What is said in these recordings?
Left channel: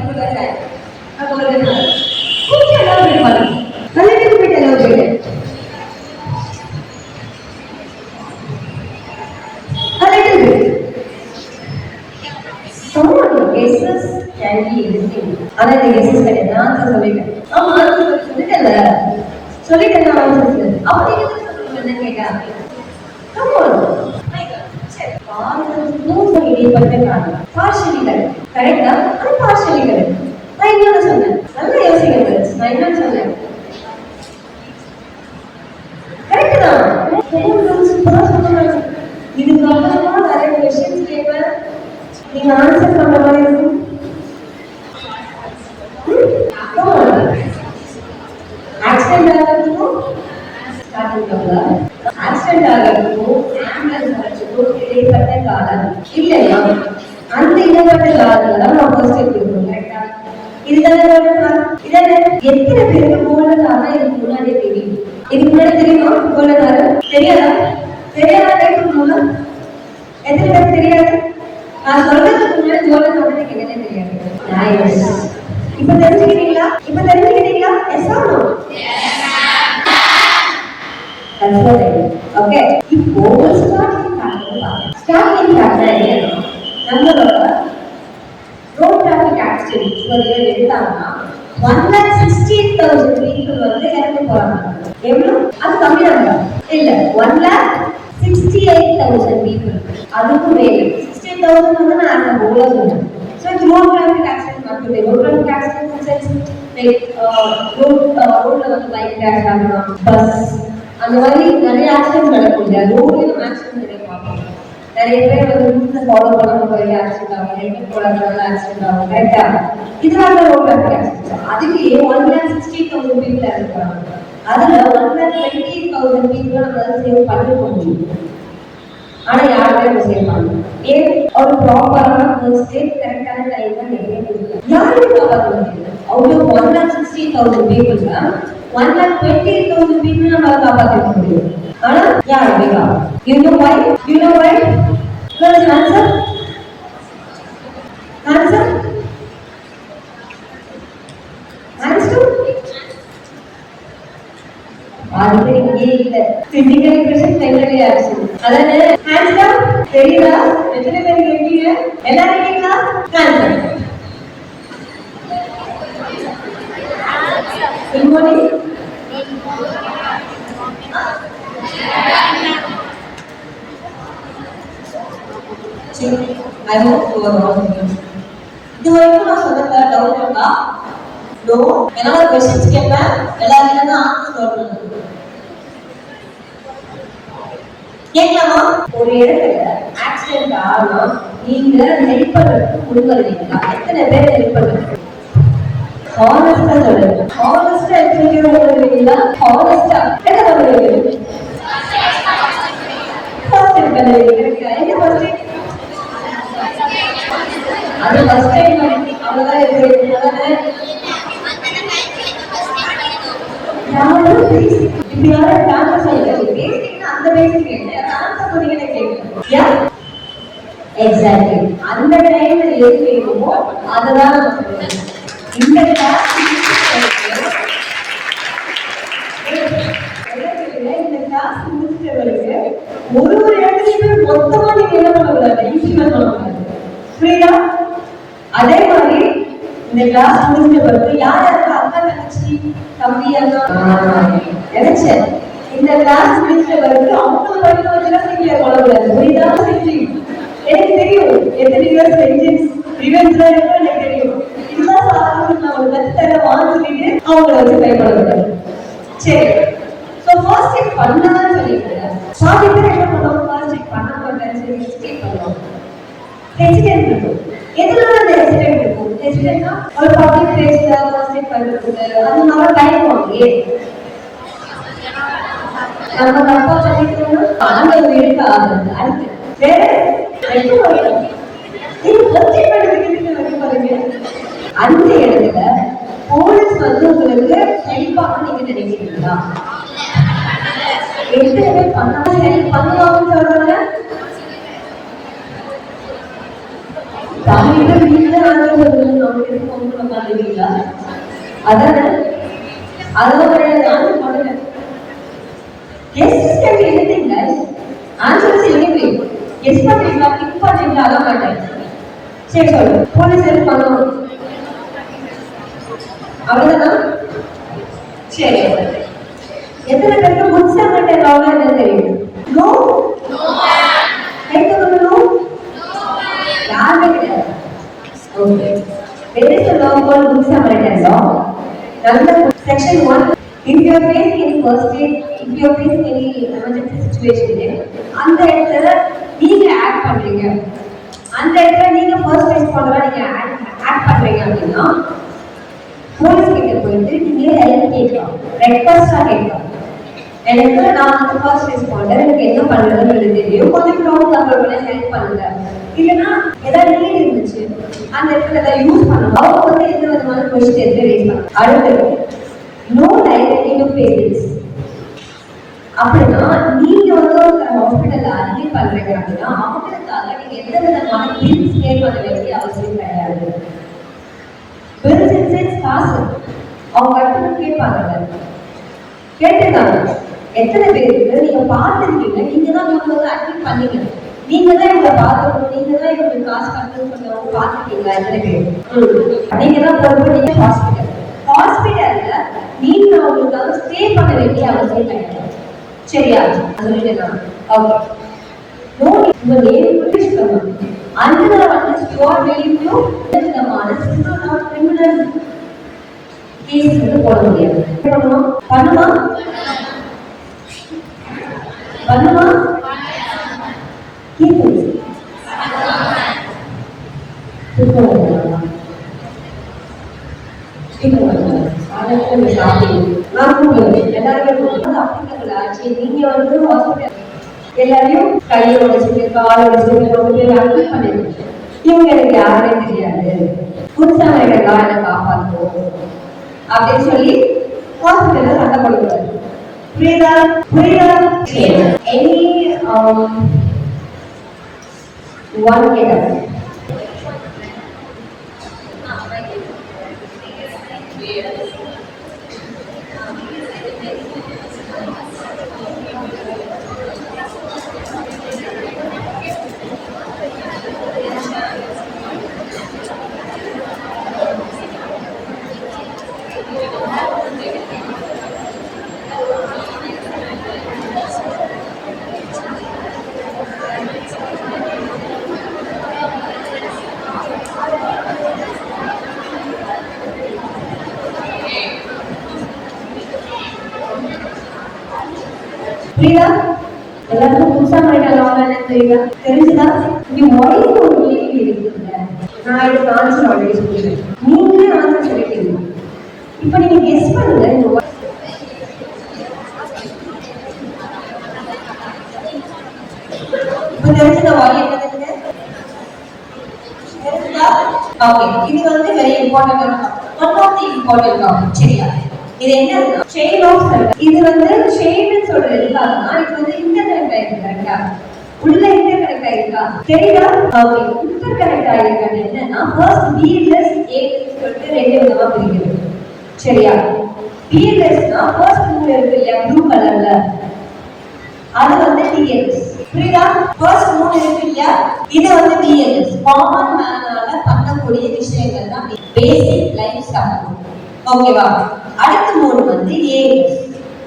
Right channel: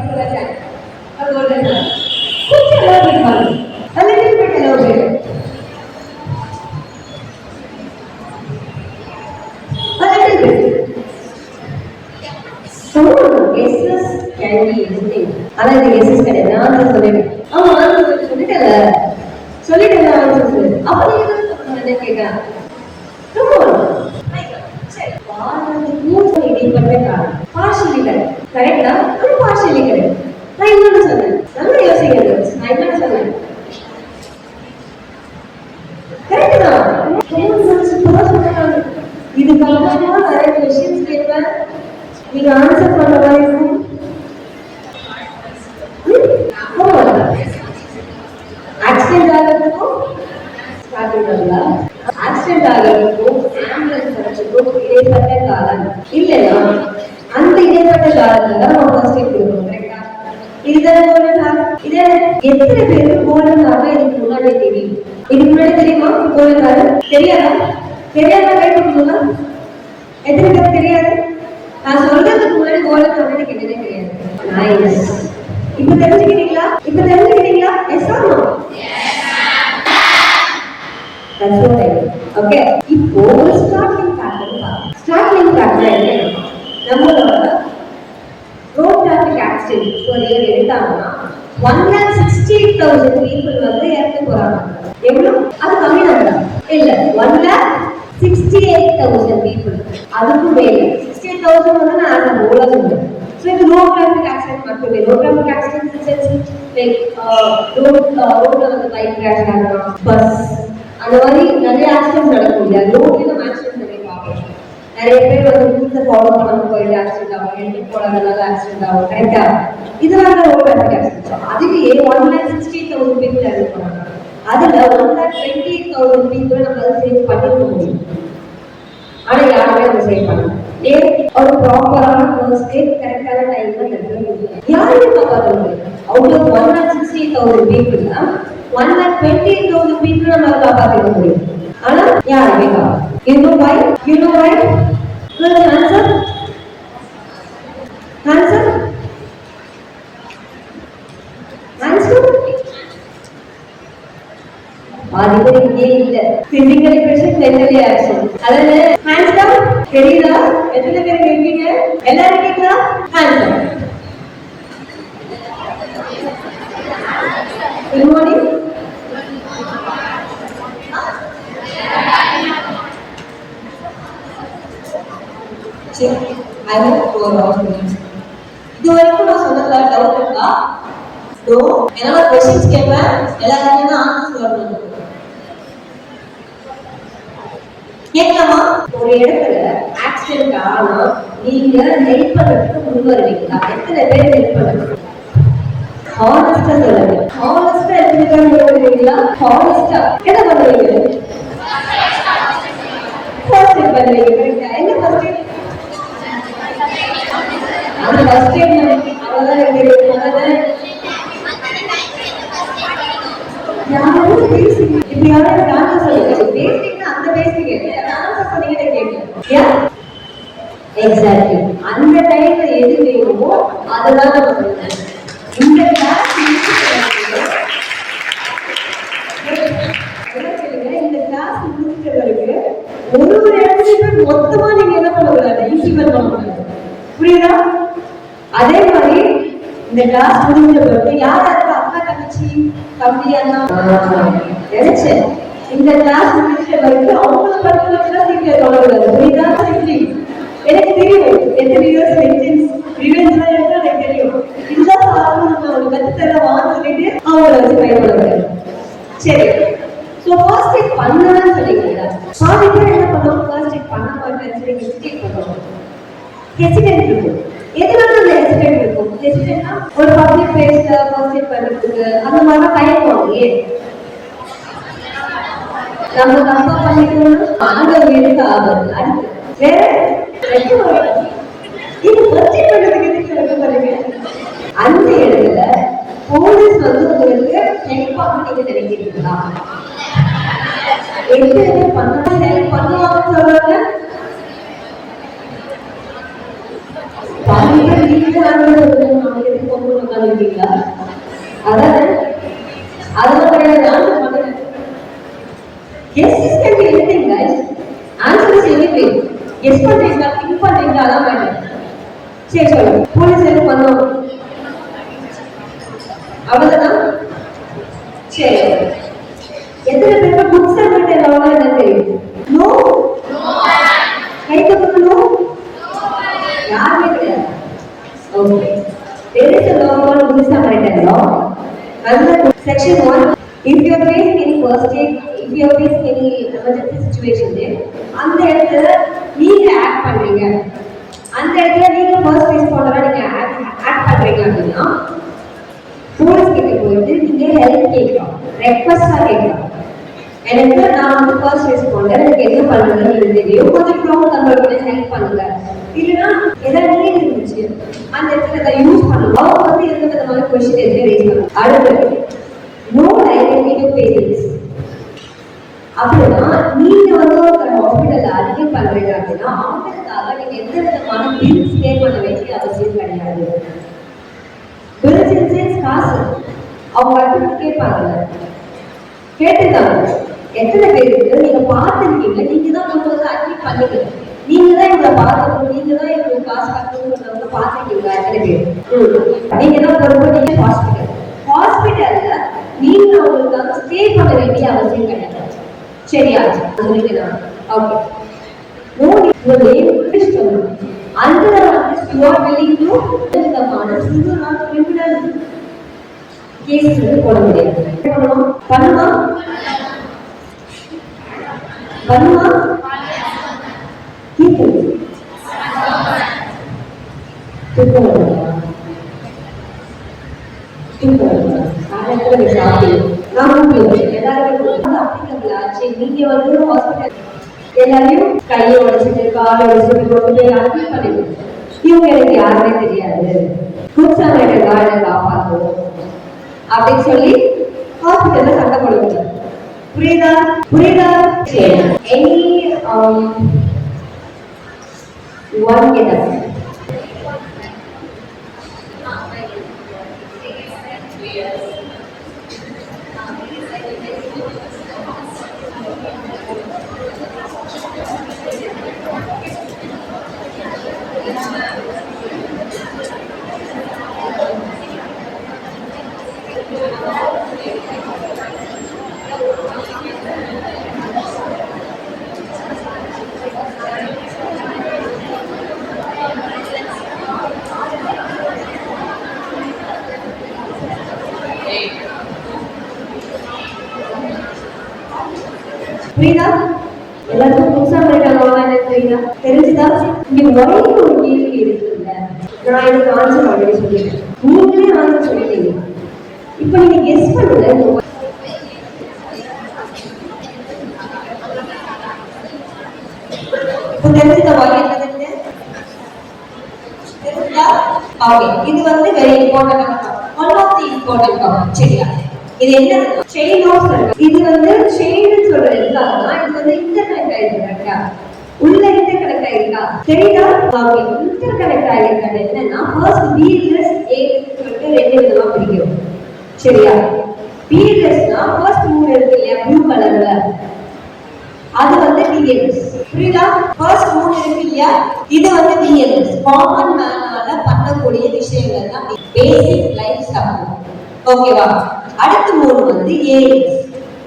particular time. A golden hour. Could you elaborate on it? A little bit elaborate. A little bit. Some of the guesses can be interesting. Another guesses can be answer சொல்லிடு. ஆமா answer சொல்லிட்டல. சொல்லிட்டல answer. அப்ப நீ என்ன கேக்குற? Come on. சரி. பாரதிக்கும் இடைப்பட்ட காலம். Partially correct. கரெக்ட்டா? அது partially correct. நான் இன்னொன்னு சொன்னேன். நல்லா யோசிங்க. நான் என்ன சொன்னேன்? கரெக்ட் தான். சூப்பரா சொன்னாங்க. இதுக்கு அப்புறமா நிறைய क्वेश्चंस கேட்பேன். நீங்க ஆன்சர் பண்ற மாதிரி இருக்கும். ஆக்சிடென்ட் ஆகிறதுக்கும் ஸ்டார்டிங் பண்ணலாம். ஆக்சிடென்ட் ஆகிறதுக்கும் ஆம்புலன்ஸ் வரதுக்கும் இடைப்பட்ட காலம் இல்லையா? அந்த இடைப்பட்ட காலத்துல தான் நம்ம ஃபர்ஸ்ட் எய்ட் கொடுக்கணும். கரெக்டா? இதுதானே கோல்டன் ஹார். இதானே எத்தனை பேருக்கு கோல்டன் ஹார் இதுக்கு முன்னாடி தெரியும்? இதுக்கு முன்னாடி தெரியுமா கோல்டன் ஹார்? தெரியாதா? தெரியாதா கை கொடுக்கணும்ல? எத்தனை பேருக்கு தெரியாது? நான் சொல்றதுக்கு முன்னாடி கோல்டன் ஹார் எனக்கு என்னன்னே தெரியாது. நைஸ். இப்போ தெரிஞ்சுக்கிட்டீங்களா? இப்போ தெரிஞ்சுக்கிட்டீங்களா? Yes or no? Yes ma'am. That's what I mean. Okay. இப்போ ஸ்டார்டிங் ஃபேக்டர் பாருங்க. ஸ்டார்டிங் ஃபேக்டர் என்ன? நம்மளோட ரோட் டிராஃபிக் ஆக்சிடென்ட் ஒரு இயர் எடுத்தாங்கன்னா 1,60,000 people வந்து இறந்து போறாங்க. எவ்வளவு? அது கம்மி தான் இல்ல 1,68,000 people. அதுக்கு மேல 68,000 வந்து நான் அந்த போல சொன்னேன். So இது ரோட் டிராஃபிக் ஆக்சிடென்ட் மட்டுமே. Road traffic accident sense like ரோட்ல வந்து பைக் கிராஷ் ஆகலாம், பஸ் அந்த மாதிரி நிறைய ஆக்சிடென்ட் நடக்கும் இல்லையா? ரோட்லயும் ஆக்சிடென்ட் நிறைய பார்ப்போம். நிறைய பேர் வந்து ரூல்ஸை ஃபாலோ பண்ணாம போயிட்டு ஆக்சிடென்ட் ஆகும், ஹெல்மெட் போடாதனால ஆக்சிடென்ட் ஆகும். கரெக்டா? இதெல்லாம் ரோட் டிராஃபிக் ஆக்சிடென்ட். அதுலயே 1,60,000 people இறந்து போறாங்க. அதுல 1,20,000 people நம்மளால சேவ் பண்ணி முடியும். ஆனா யாருமே நம்ம சேவ் பண்ணல. ஏன்? ஒரு ப்ராப்பரான ஃபர்ஸ்ட் எய்ட் கரெக்டான டைம்ல நடக்கணும். யாருமே காப்பாற்ற முடியல. அவுட் ஆஃப் 1,60,000 people 1,20,000 people நம்மளால காப்பாற்ற முடியும். ஆனா யாருமே காப்பாற்ற. You know why? You know why? What is the answer? Answer? Answer? அதுவே இங்கே இல்ல. Physically pressure, mentally action. அதானே? Hands down. தெரியுதா? எத்தனை பேர் இருக்கீங்க? எல்லாரும் இருக்கீங்களா? Hands down. Good morning. I hope you are all good. இது வரைக்கும் நான் சொன்னதுல டவுட் இருக்கா? நோ. என்னோட क्वेश्चंस கேட்பேன். எல்லாரும் ஆன்சர் சொல்லணும். கேட்கலாமா? ஒரு இடத்துல ஆக்சிடென்ட் ஆனா நீங்க ஹெல்ப் பண்றதுக்கு முன் வருவீங்களா? எத்தனை பேர் ஹெல்ப் பண்ணுவீங்க? ஹானஸ்டா சொல்லுங்க. ஹானஸ்டா எத்தனை பேர் முன் வருவீங்களா? ஹானஸ்டா என்ன பண்ணுவீங்க? ஃபர்ஸ்ட் எய்ட் பண்ணுவீங்க. என்ன ஃபர்ஸ்ட் எய்ட்? அது ஃபர்ஸ்ட் எய்ட் அவ்வளவுதான் இருக்கு. அதானே? யாரும் பேசிக் இப்படி யாரும் டான்ஸ் சொல்லுங்க. பேசிக்னா அந்த பேசிக் என்ன? டான்ஸ் பண்ணீங்கன்னு கேட்கணும். Yeah exactly. அந்த டைம்ல எது வேணுமோ அதுதான் நம்ம சொல்லணும். இந்த கிளாஸ் இந்த கிளாஸ் முடிச்ச பிறகு ஒரு இடத்துலையும் மொத்தமா நீங்க என்ன பண்ணக்கூடாது? இம்ப்ளிமெண்ட் பண்ணக்கூடாது. புரியுதா? அதே மாதிரி இந்த கிளாஸ் முடிஞ்ச பிறகு யார் யாருக்கு அக்கா தங்கச்சி தம்பியானா நினைச்சேன். இந்த கிளாஸ் முடிச்ச பிறகு அவங்கள படிக்க வச்சுதான் சீக்கிரம் சொல்லக்கூடாது. புரியுதா? எனக்கு தெரியும் எத்தனை பேர் செஞ்சன்ஸ் ரிவெஞ்ச் எனக்கு தெரியும். இதுதான் சாப்பிட்டு நான் கத்து தர வாங்கிட்டு அவங்கள வச்சு பயன்படுத்துறேன். சரி. ஸோ ஃபர்ஸ்ட் எய்ட் பண்ணணும்னு சொல்லிக்கிறேன். பாதி பேர் என்ன பண்ணுவோம்? ஃபர்ஸ்ட் எய்ட் பண்ண மாட்டேன்னு சொல்லி ஹெசிடேட் பண்ணுவாங்க. ஹெசிடேட் இருக்கும். எதனால அந்த ஹெசிடேட் இருக்கும்? ஹெசிடேட்னா ஒரு பப்ளிக் பிளேஸ்ல ஃபர்ஸ்ட் எய்ட் பண்றதுக்கு அந்த மாதிரி பயப்படுவாங்க. நம்ம தப்பா பண்ணிக்கணும்னா ஆண்டவர் எடுக்க ஆகுது. அடுத்து வேற அந்த இடத்துல போலீஸ் வந்து உங்களுக்கு ஹெல்ப் பண்ண நீங்க நினைக்கிறீங்களா? எப்படி பண்ணா ஹெல்ப் பண்ணுவாங்கன்னு சொல்றாங்க. வீட்டுல ஆன்சர் சொல்லணும், நமக்கு எதுக்கு பொங்கல் உட்காந்துருக்கீங்களா? அதானே, அதெல்லாம் கிடையாது. ஆன்சர் பண்ணுங்க. Guesses can be anything, guys. Answer is anything. Guess பண்றீங்களா, திங்க் பண்றீங்களா, அதான் வேண்டாம். சரி சொல்லு, போலீஸ் ஹெல்ப் பண்ணுவோம், அவ்வளவுதானா? சரி, எத்தனை பேருக்கு குட் சமரிட்டன் லானா என்ன தெரியும்? நோ, கை தூக்கணும். யாருமே கிடையாது. Okay, there is a law called Good Samaritan law. Under section 1, if you are facing any first aid, if you are facing any emergency situation, அந்த இடத்துல நீங்க ஆக்ட் பண்றீங்க, அந்த இடத்துல நீங்க ஃபர்ஸ்ட் ரெஸ்பாண்டரா நீங்க ஆக்ட் பண்றீங்க அப்படின்னா போலீஸ் கிட்ட போயிட்டு நீங்க ஹெல்ப் கேட்கலாம், ரெக்வெஸ்டா கேட்கலாம். எனக்கு நான் வந்து ஃபர்ஸ்ட் ரெஸ்பாண்டர், எனக்கு என்ன பண்றதுன்னு தெரியும், கொஞ்சம் க்ரௌட் கண்ட்ரோல் பண்ண ஹெல்ப் பண்ணுங்க. இல்லைன்னா ஏதாவது நீட் இருந்துச்சு அந்த இடத்துல அதை யூஸ் பண்ணலாம். அவங்க வந்து எந்த விதமான கொஸ்டின் எதுவுமே ரேஸ் பண்ணலாம். அடுத்தது no liability to pay bills. அப்படின்னா நீங்க வந்து ஒரு ஹாஸ்பிட்டல்ல அட்மிட் பண்றீங்க அப்படின்னா அவங்களுக்காக நீங்க எந்த விதமான பில்ஸ் பே பண்ண வேண்டிய அவசியம் கிடையாது. பில்ஸ் இன்சென்ஸ் காசு அவங்க கட்டணம் கேட்பாங்க, கேட்டுதான். எத்தனை பேருக்கு நீங்க பார்த்துருக்கீங்க, நீங்க தான் கொண்டு வந்து அட்மிட் பண்ணீங்க, நீங்க தான் இவங்களை பார்த்துக்கணும், நீங்க தான் இவங்களுக்கு காசு கட்டணும்னு சொன்னவங்க பார்த்துருக்கீங்களா? எத்தனை பேர்? நீங்க தான் பொறுப்பு. நீங்க ஹாஸ்பிட்டல்ல நீங்க அவங்களுக்காக ஸ்டே பண்ண வேண்டிய அவசியம் கிடையாது. சரியா சொல்லிட்டேன். Okay, no your name finish பண்ணனும். under the list you are willing to விதமான சிவில் ஆர் கிரிமினல் கேஸ் போட முடியாது. பண்ணுமா பண்ணுமா கேக்குது நீங்க வந்து ஹாஸ்பிட்டல் எல்லாரையும் கையை உடைச்சிட்டு காலை உடைச்சிட்டு கொண்டு போய் அட்மிட் பண்ணிடுங்க. இவங்க எனக்கு யாருமே தெரியாது, குட் சமரிட்டன் லா என்ன காப்பாற்றும் அப்படின்னு சொல்லி ஹாஸ்பிட்டல்ல சண்டை போடுவாங்க. புரியுதா புரியுதா? எனி ஒன் கேட்டா புரியுதா? எல்லாருக்கும் புதுசா படிக்கலாம் தெரியுதா? தெரிஞ்சுதா? இங்க வயது ஒரு கேள்வி இருக்குல்ல, நான் இதுக்கு ஆன்சர் ஆல்ரெடி சொல்லிட்டேன், நீங்களே ஆன்சர் சொல்லிட்டீங்க. இப்ப நீங்க கெஸ் பண்ணுங்க. இப்ப தெரிஞ்சுதா வயது என்னது? தெரிஞ்சுதா? ஓகே, இது வந்து very important, one of the important topic. சரியா? இது என்னன்னா செயின் ஆஃப் சர்க்கிள். இது வந்து செயின் சொல்றது எதுக்காகனா இது வந்து இன்டர்கனெக்ட் ஆயிருக்கா, உள்ள இன்டர்கனெக்ட் ஆயிருக்கா, தெரியுதா? ஓகே, இன்டர்கனெக்ட் ஆயிருக்காது என்னன்னா ஃபர்ஸ்ட் பிஎல்எஸ் ஏஎல்எஸ் சொல்லிட்டு ரெண்டு விதமா பிரிக்கிறோம். சரியா? பிஎல்எஸ்னா ஃபர்ஸ்ட் மூணு இருக்கு இல்லையா ப்ளூ கலர்ல, அது வந்து டிஎல்எஸ். புரியுதா? ஃபர்ஸ்ட் மூணு இருக்கு இல்லையா, இது வந்து டிஎல்எஸ், காமன் மேனால பண்ணக்கூடிய விஷயங்கள் தான் பேசிக் லைஃப் சப்போர்ட். ஓகேவா? அடுத்த மூணு வந்து ALS,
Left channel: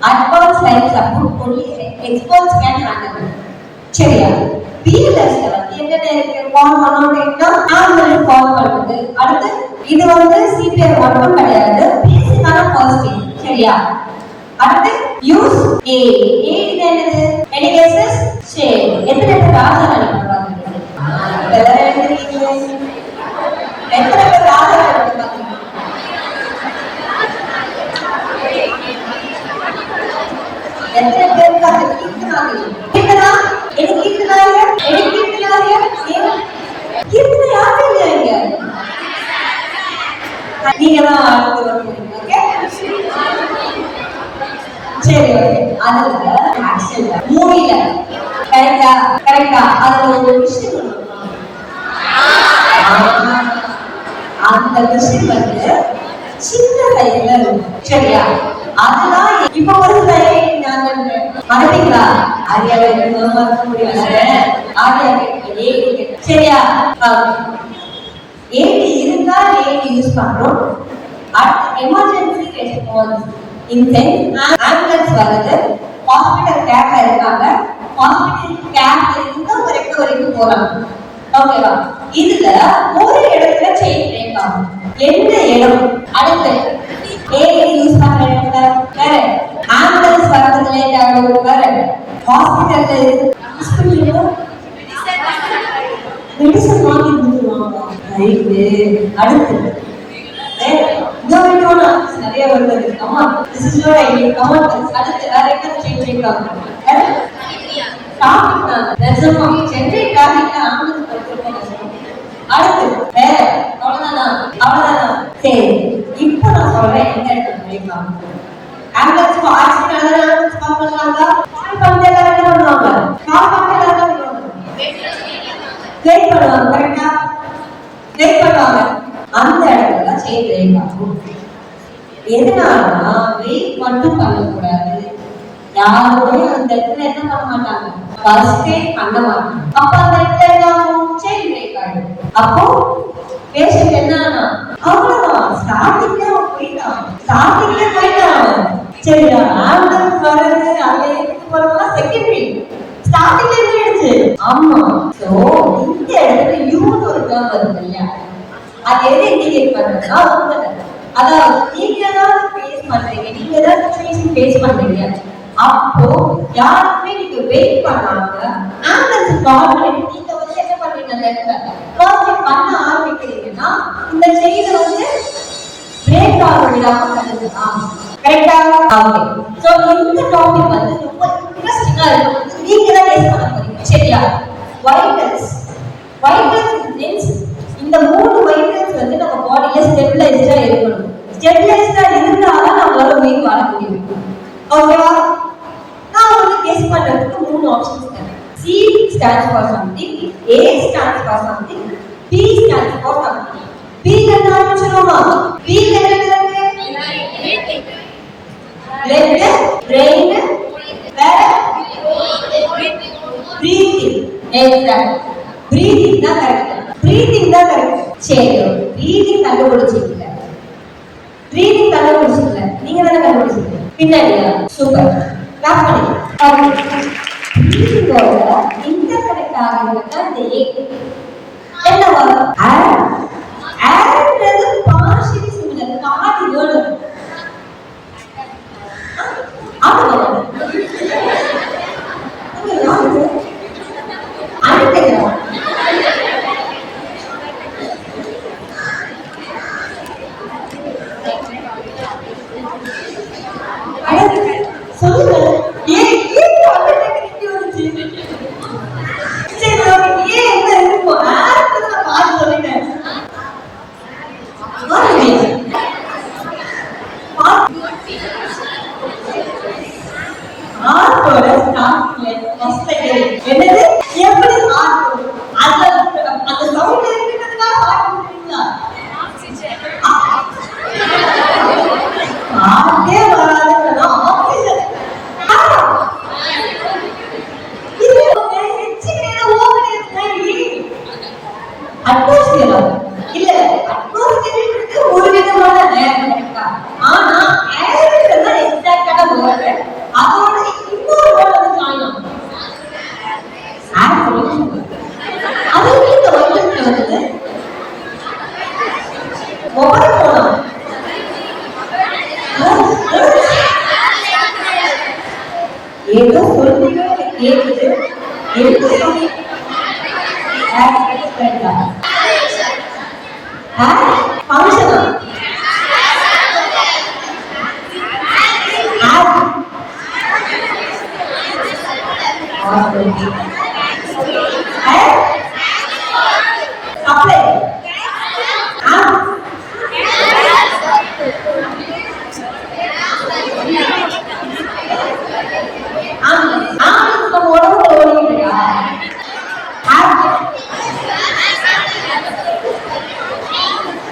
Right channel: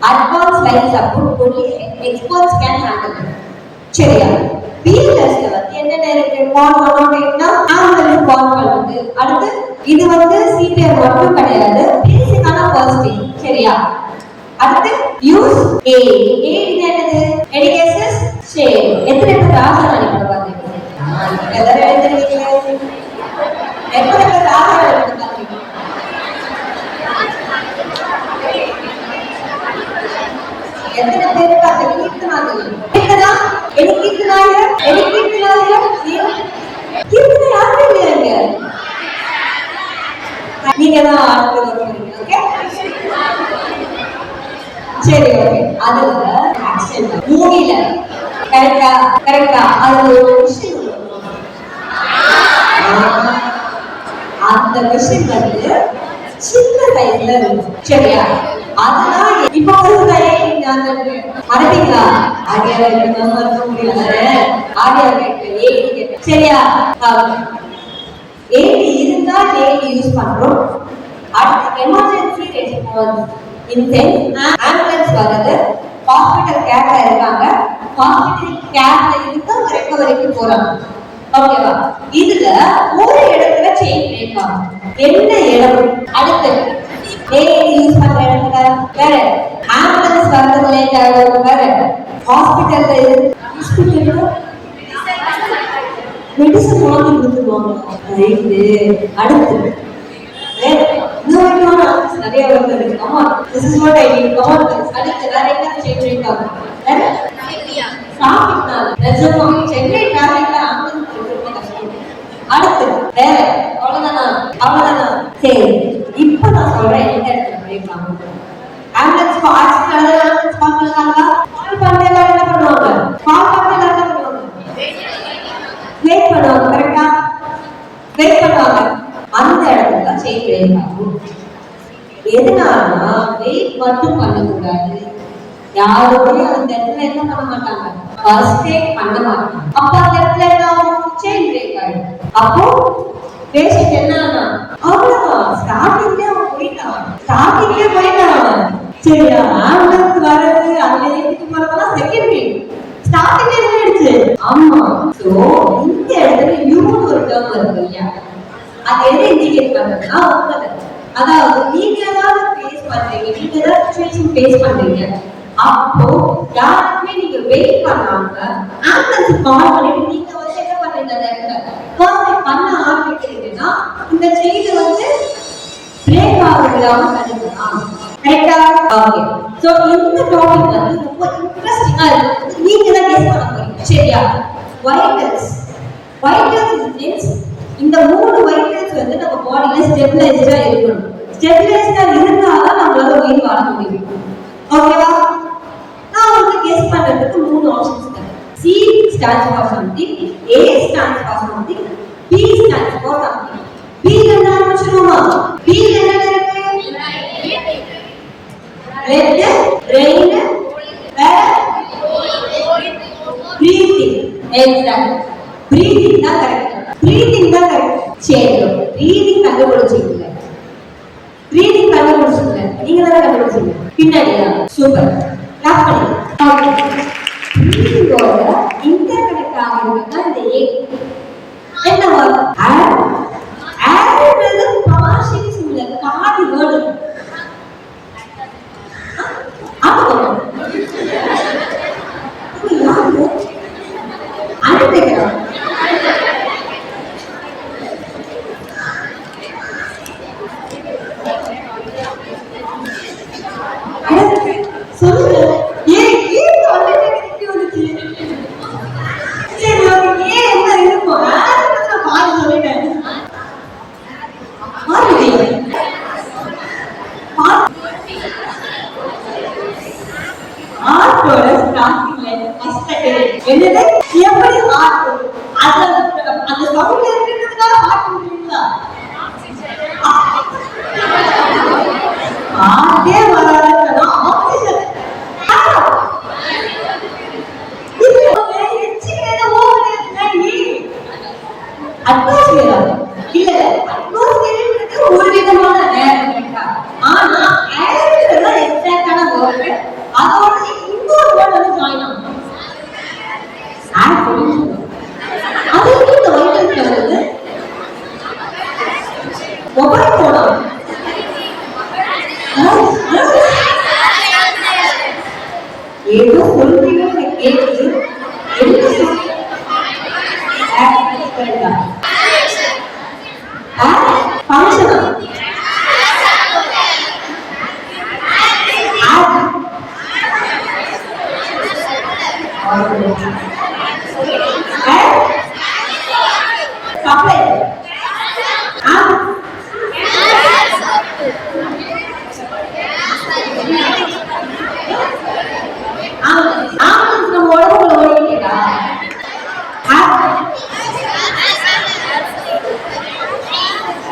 advance life support, only experts can handle it. சரியா? பிஎல்எஸ்ல வந்து என்னென்ன இருக்கு? கால் 108 ஆம்புலன்ஸ் கால் பண்றது. அடுத்து இது வந்து சிபிஆர் மட்டும் கிடையாது, பேசிக்கான ஃபர்ஸ்ட் எய்ட். சரியா? அடுத்து யூஸ் எய்ட் என்னது? எடிகேசஸ் ஷேர். எத்தனை பேர் ராசா அடிக்க பாருங்க? எல்லாரும் எழுதிருக்கீங்க. எத்தனை பேர் ராசா அடிக்க பாருங்க? எத்தனை பேருக்கு அந்த கீர்த்தனாங்க? கீர்த்தனா எனக்கு கீர்த்தனாங்க, எனக்கு கீர்த்தனாங்க. கீர்த்தனா யாரு இல்லையாங்க? நீங்க தான் அடுத்து வருவீங்க. ஓகே சரி ஓகே. அதுல ஆக்ஷன் மூவில கரெக்டா கரெக்டா அதுல ஒரு விஷயம் அந்த மிஷின் வந்து சின்ன சைஸ்ல இருக்கும். சரியா? அதெல்லாம் இப்போ வந்து மறப்பீங்களா? ஆடியா மறக்க முடியல. ஆடியா சரியா? ஏடி இருந்தா ஏடி யூஸ் பண்றோம். அடுத்து emergency response in sense ambulance வருது, ஹாஸ்பிட்டல் கேர்ல இருக்காங்க, ஹாஸ்பிட்டல் கேர்ல இருந்து ஒரு ரெக்கவரிக்கு போறாங்க. ஓகேவா? இதுல ஒரு இடத்துல செயின் பிரேக் ஆகும். என்ன இடம்? அடுத்து ஏடி யூஸ் பண்ற இடத்துல வேற, ஆம்புலன்ஸ் வரது லேட் ஆகும் வேற, ஹாஸ்பிட்டல்ல மெடிசன் வாங்கி கொடுத்துருவாங்க. அடுத்து நிறைய வருது. அம்மா this is what I need. Come on, அடுத்து வேற என்ன செயின் பிரேக் ஆகும்? சென்னை டிராபிக்ல ஆம்புலன்ஸ் அடுத்து வேற அவ்வளவுதானா? அவ்வளவுதானா? சரி, இப்ப நான் சொல்றேன் எந்த இடத்துல பிரேக் ஆகும். ஆம்புலன்ஸ் ஆக்சிடென்ட் ஆம்புலன்ஸ் கால் பண்ணாங்களா? கால் பண்ணி எல்லாம் என்ன பண்ணுவாங்க? கால் பண்ணி எல்லாம் என்ன பண்ணுவாங்க? வெயிட் பண்ணுவாங்க. கரெக்டா? வெயிட் பண்ணுவாங்க. அந்த இடத்துல செயின் பிரேக் ஆகும். எதனாலனா வெயிட் மட்டும் பண்ணக்கூடாது. யாரோடய அந்த இடத்துல என்ன பண்ண மாட்டாங்க? ஃபர்ஸ்ட் எய்ட் பண்ண மாட்டாங்க. அப்ப அந்த இடத்துல என்ன ஆகும்? செயின் பிரேக் ஆயிடும். அப்போ பேஷண்ட் என்னன்னா அவ்வளவுதான், ஸ்டார்டிங்ல போயிட்டான். சரியா? ஆம்புலன்ஸ் வர்றது அதுல ஏறிட்டு போறதெல்லாம் செகண்டரி, ஸ்டார்டிங்ல போயிடுச்சு. ஆமா. சோ இந்த இடத்துல யூன்னு ஒரு டேர்ம் வருது இல்லையா? அது எதை இண்டிகேட் பண்ணுறதுன்னா உங்களை, அதாவது நீங்க ஏதாவது ஃபேஸ் பண்றீங்க, நீங்க ஏதாவது சிச்சுவேஷன் ஃபேஸ் பண்றீங்க, அப்போ யாருக்குமே நீங்க வெயிட் பண்ணாம ஆம்புலன்ஸ் கால் பண்ணிட்டு நீங்க வந்து என்ன பண்றீங்க? அந்த இடத்துல ஃபர்ஸ்ட் பண்ண ஆரம்பிக்கிறீங்கன்னா இந்த செயினை வந்து பிரேக் ஆக விடாம தடுக்கலாம். கரெக்டா? ஓகே. சோ இந்த டாபிக் வந்து ரொம்ப இன்ட்ரஸ்டிங்கா இருக்கு. நீங்க தான் கேஸ் பண்ண போறீங்க. சரியா? வைட்டல்ஸ் மீன்ஸ் இந்த மூணு வைட்டல்ஸ் வந்து நம்ம பாடியில ஸ்டெபிலைஸ்டா இருக்கணும். ஸ்டெபிலைஸ்டா இருந்தாதான் நம்மளால உயிர் வாழ முடியும். ஓகேவா? நான் உங்களுக்கு கெஸ் பண்றதுக்கு மூணு ஆப்ஷன்ஸ் தரேன். C stands for something, A stands for something, B stands for something. B ல என்ன ஆரம்பிச்சிரோமா? B ல என்ன இருக்கு? லெஃப்ட் பிரெயின் வேற பிரீத்திங். எக்ஸாக்ட். பிரீத்திங் தான் கரெக்ட். சரி, பிரீத்திங் கண்டுபிடிச்சீங்க. நீங்க தான கண்டுபிடிச்சீங்க. பின்னாடியா? சூப்பர். கிளாப் பண்ணுங்க. ஓகே. பிரீத்திங்கோட இன்டர்கனெக்ட் ஆகுறதுக்கு இந்த ஏ என்ன வரும்? ஏர்ன்றது பார்ஷியலி சிமிலர். பாதி வேர்ட் ஏதோ சொல்றீங்க கேக்குது. என்ன சொல்றீங்க? ஃபங்க்ஷனா? சப்ளை.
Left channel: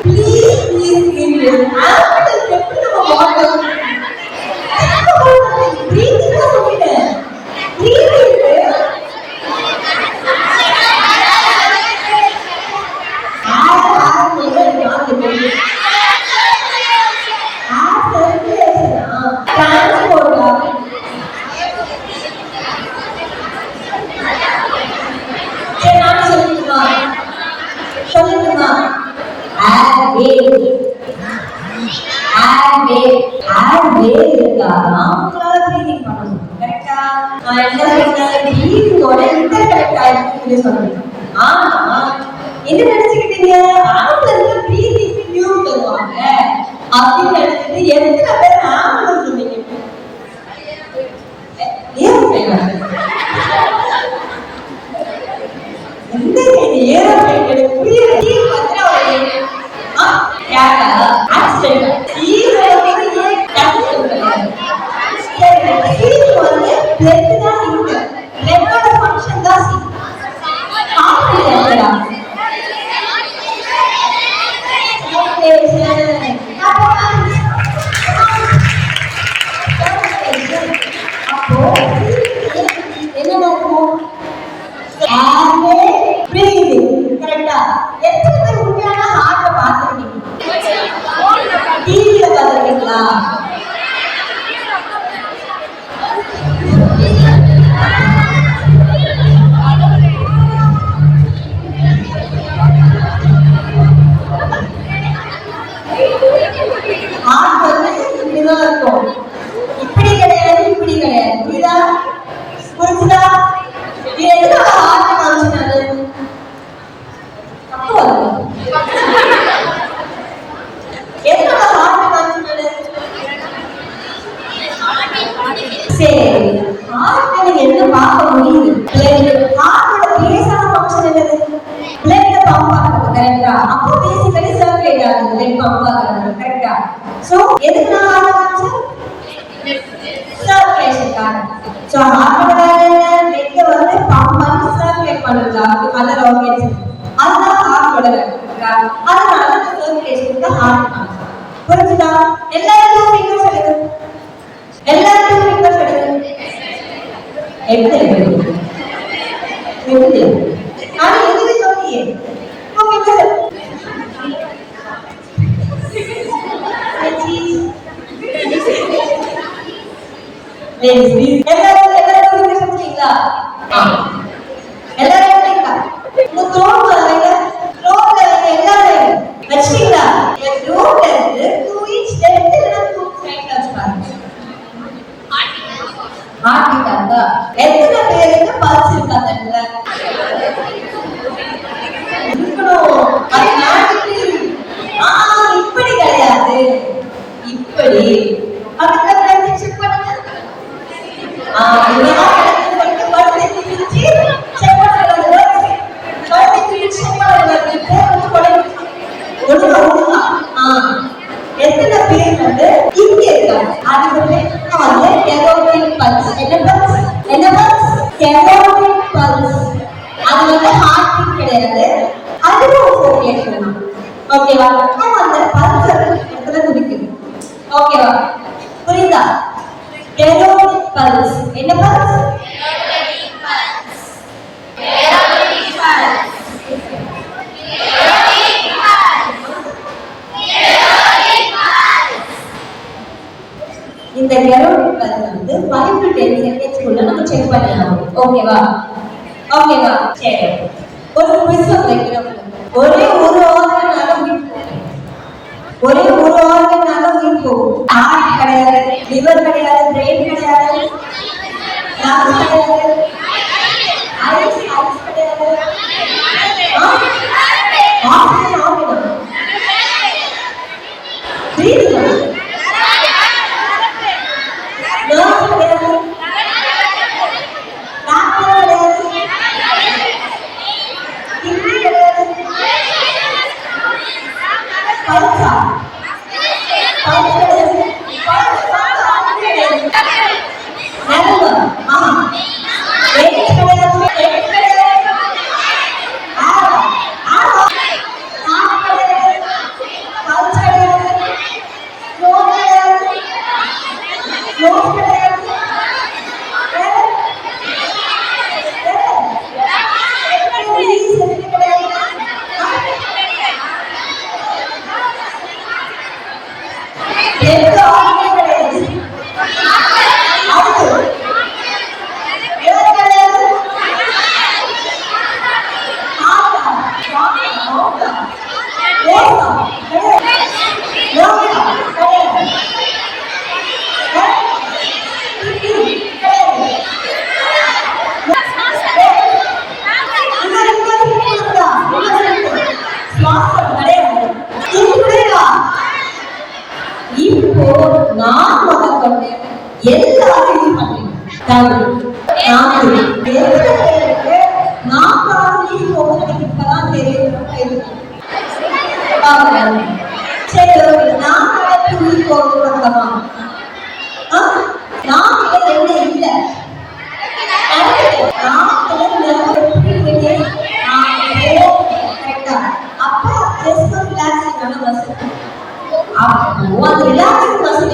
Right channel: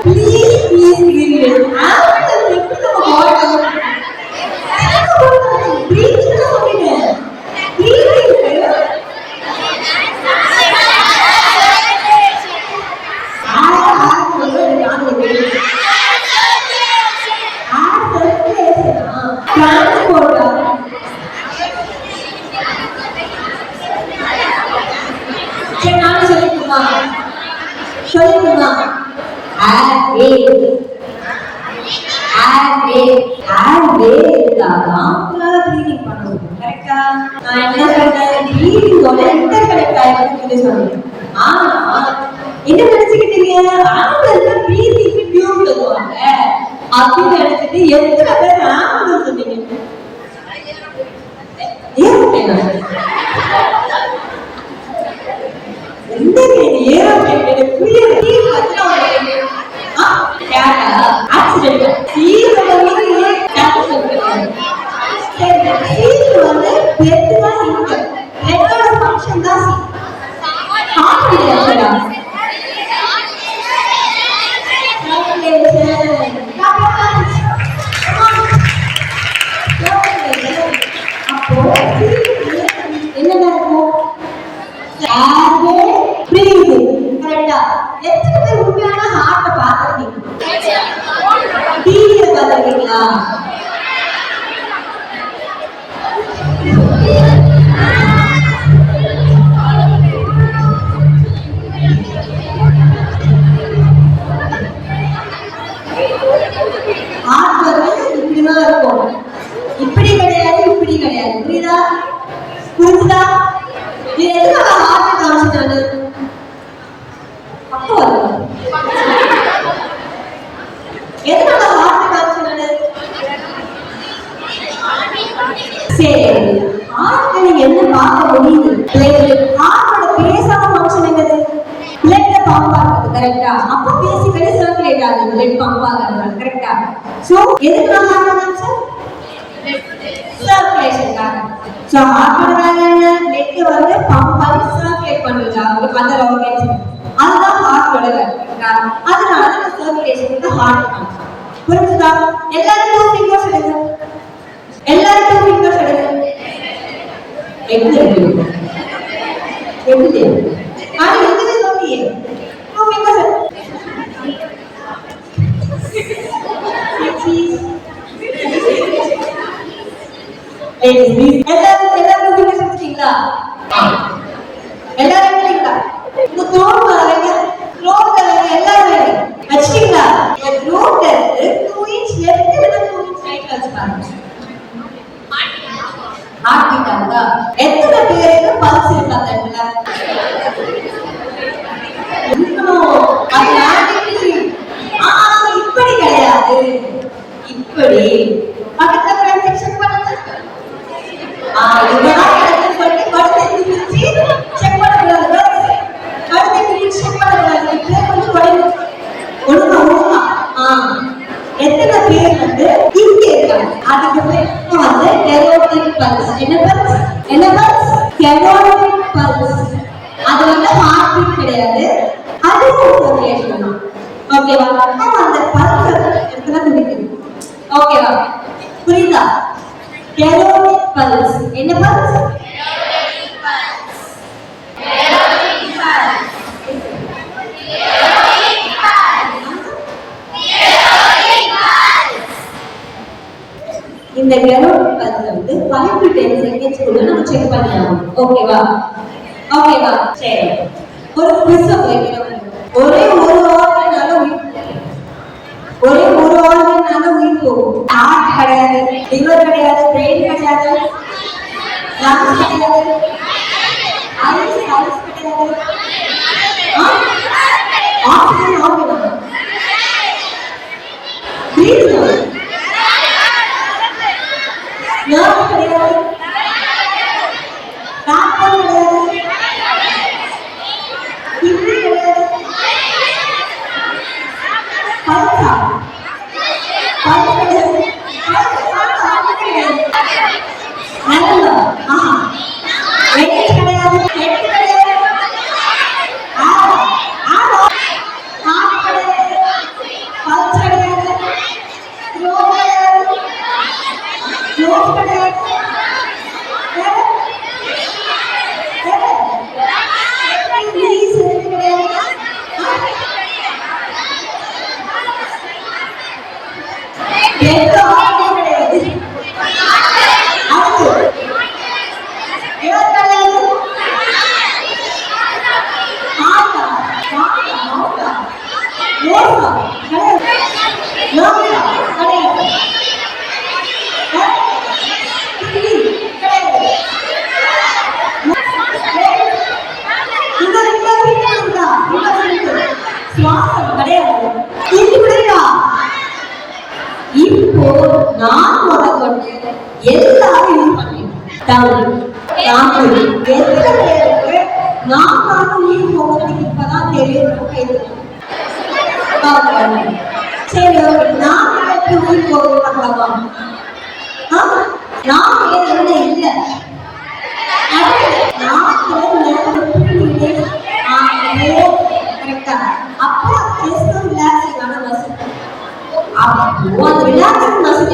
Please இருந்தாதான் உங்களால ப்ரீதிங் பண்ண முடியும். கரெக்டா? நான் என்ன சொன்னேன்? ப்ரீதிங்கோட இன்டர் கனெக்ட் ஆயிருக்குன்னு சொல்லி சொன்னேன். ஆனா என்ன நினைச்சுக்கிட்டீங்க? ஆண்களுக்கு ப்ரீதிங்க்கு டியூன் தருவாங்க அப்படின்னு நினைச்சிட்டு எத்தனை பேர் ஆண்கள் சொன்னீங்க? இந்த கெரோட்டிக் பல்ஸ் வந்து 5 to 10 செகண்ட்ஸ் குள்ள நம்ம செக் பண்ணலாம். ஓகேவா? சரி. ஒரு குவிஸ் வைக்கிறோம். ஒரே ஒரு ஆர்கனால உயிர் போகும். ஹார்ட் கிடையாது, லிவர் கிடையாது, பிரெயின் கிடையாது, லங்ஸ் கிடையாது, ஐஸ் கிடையாது. Oxygen organ. லேசா கிடையாது. லோகா கிடையாது. இப்போ நான் முதற்கொண்டு எல்லாரும் யூஸ் பண்ணிட்டேன். நான் யூஸ் போகிறதுக்கு இப்பதான் தெரியும். சரி, நான் யூஸ் போகிறோமா? நான் என்ன இல்லை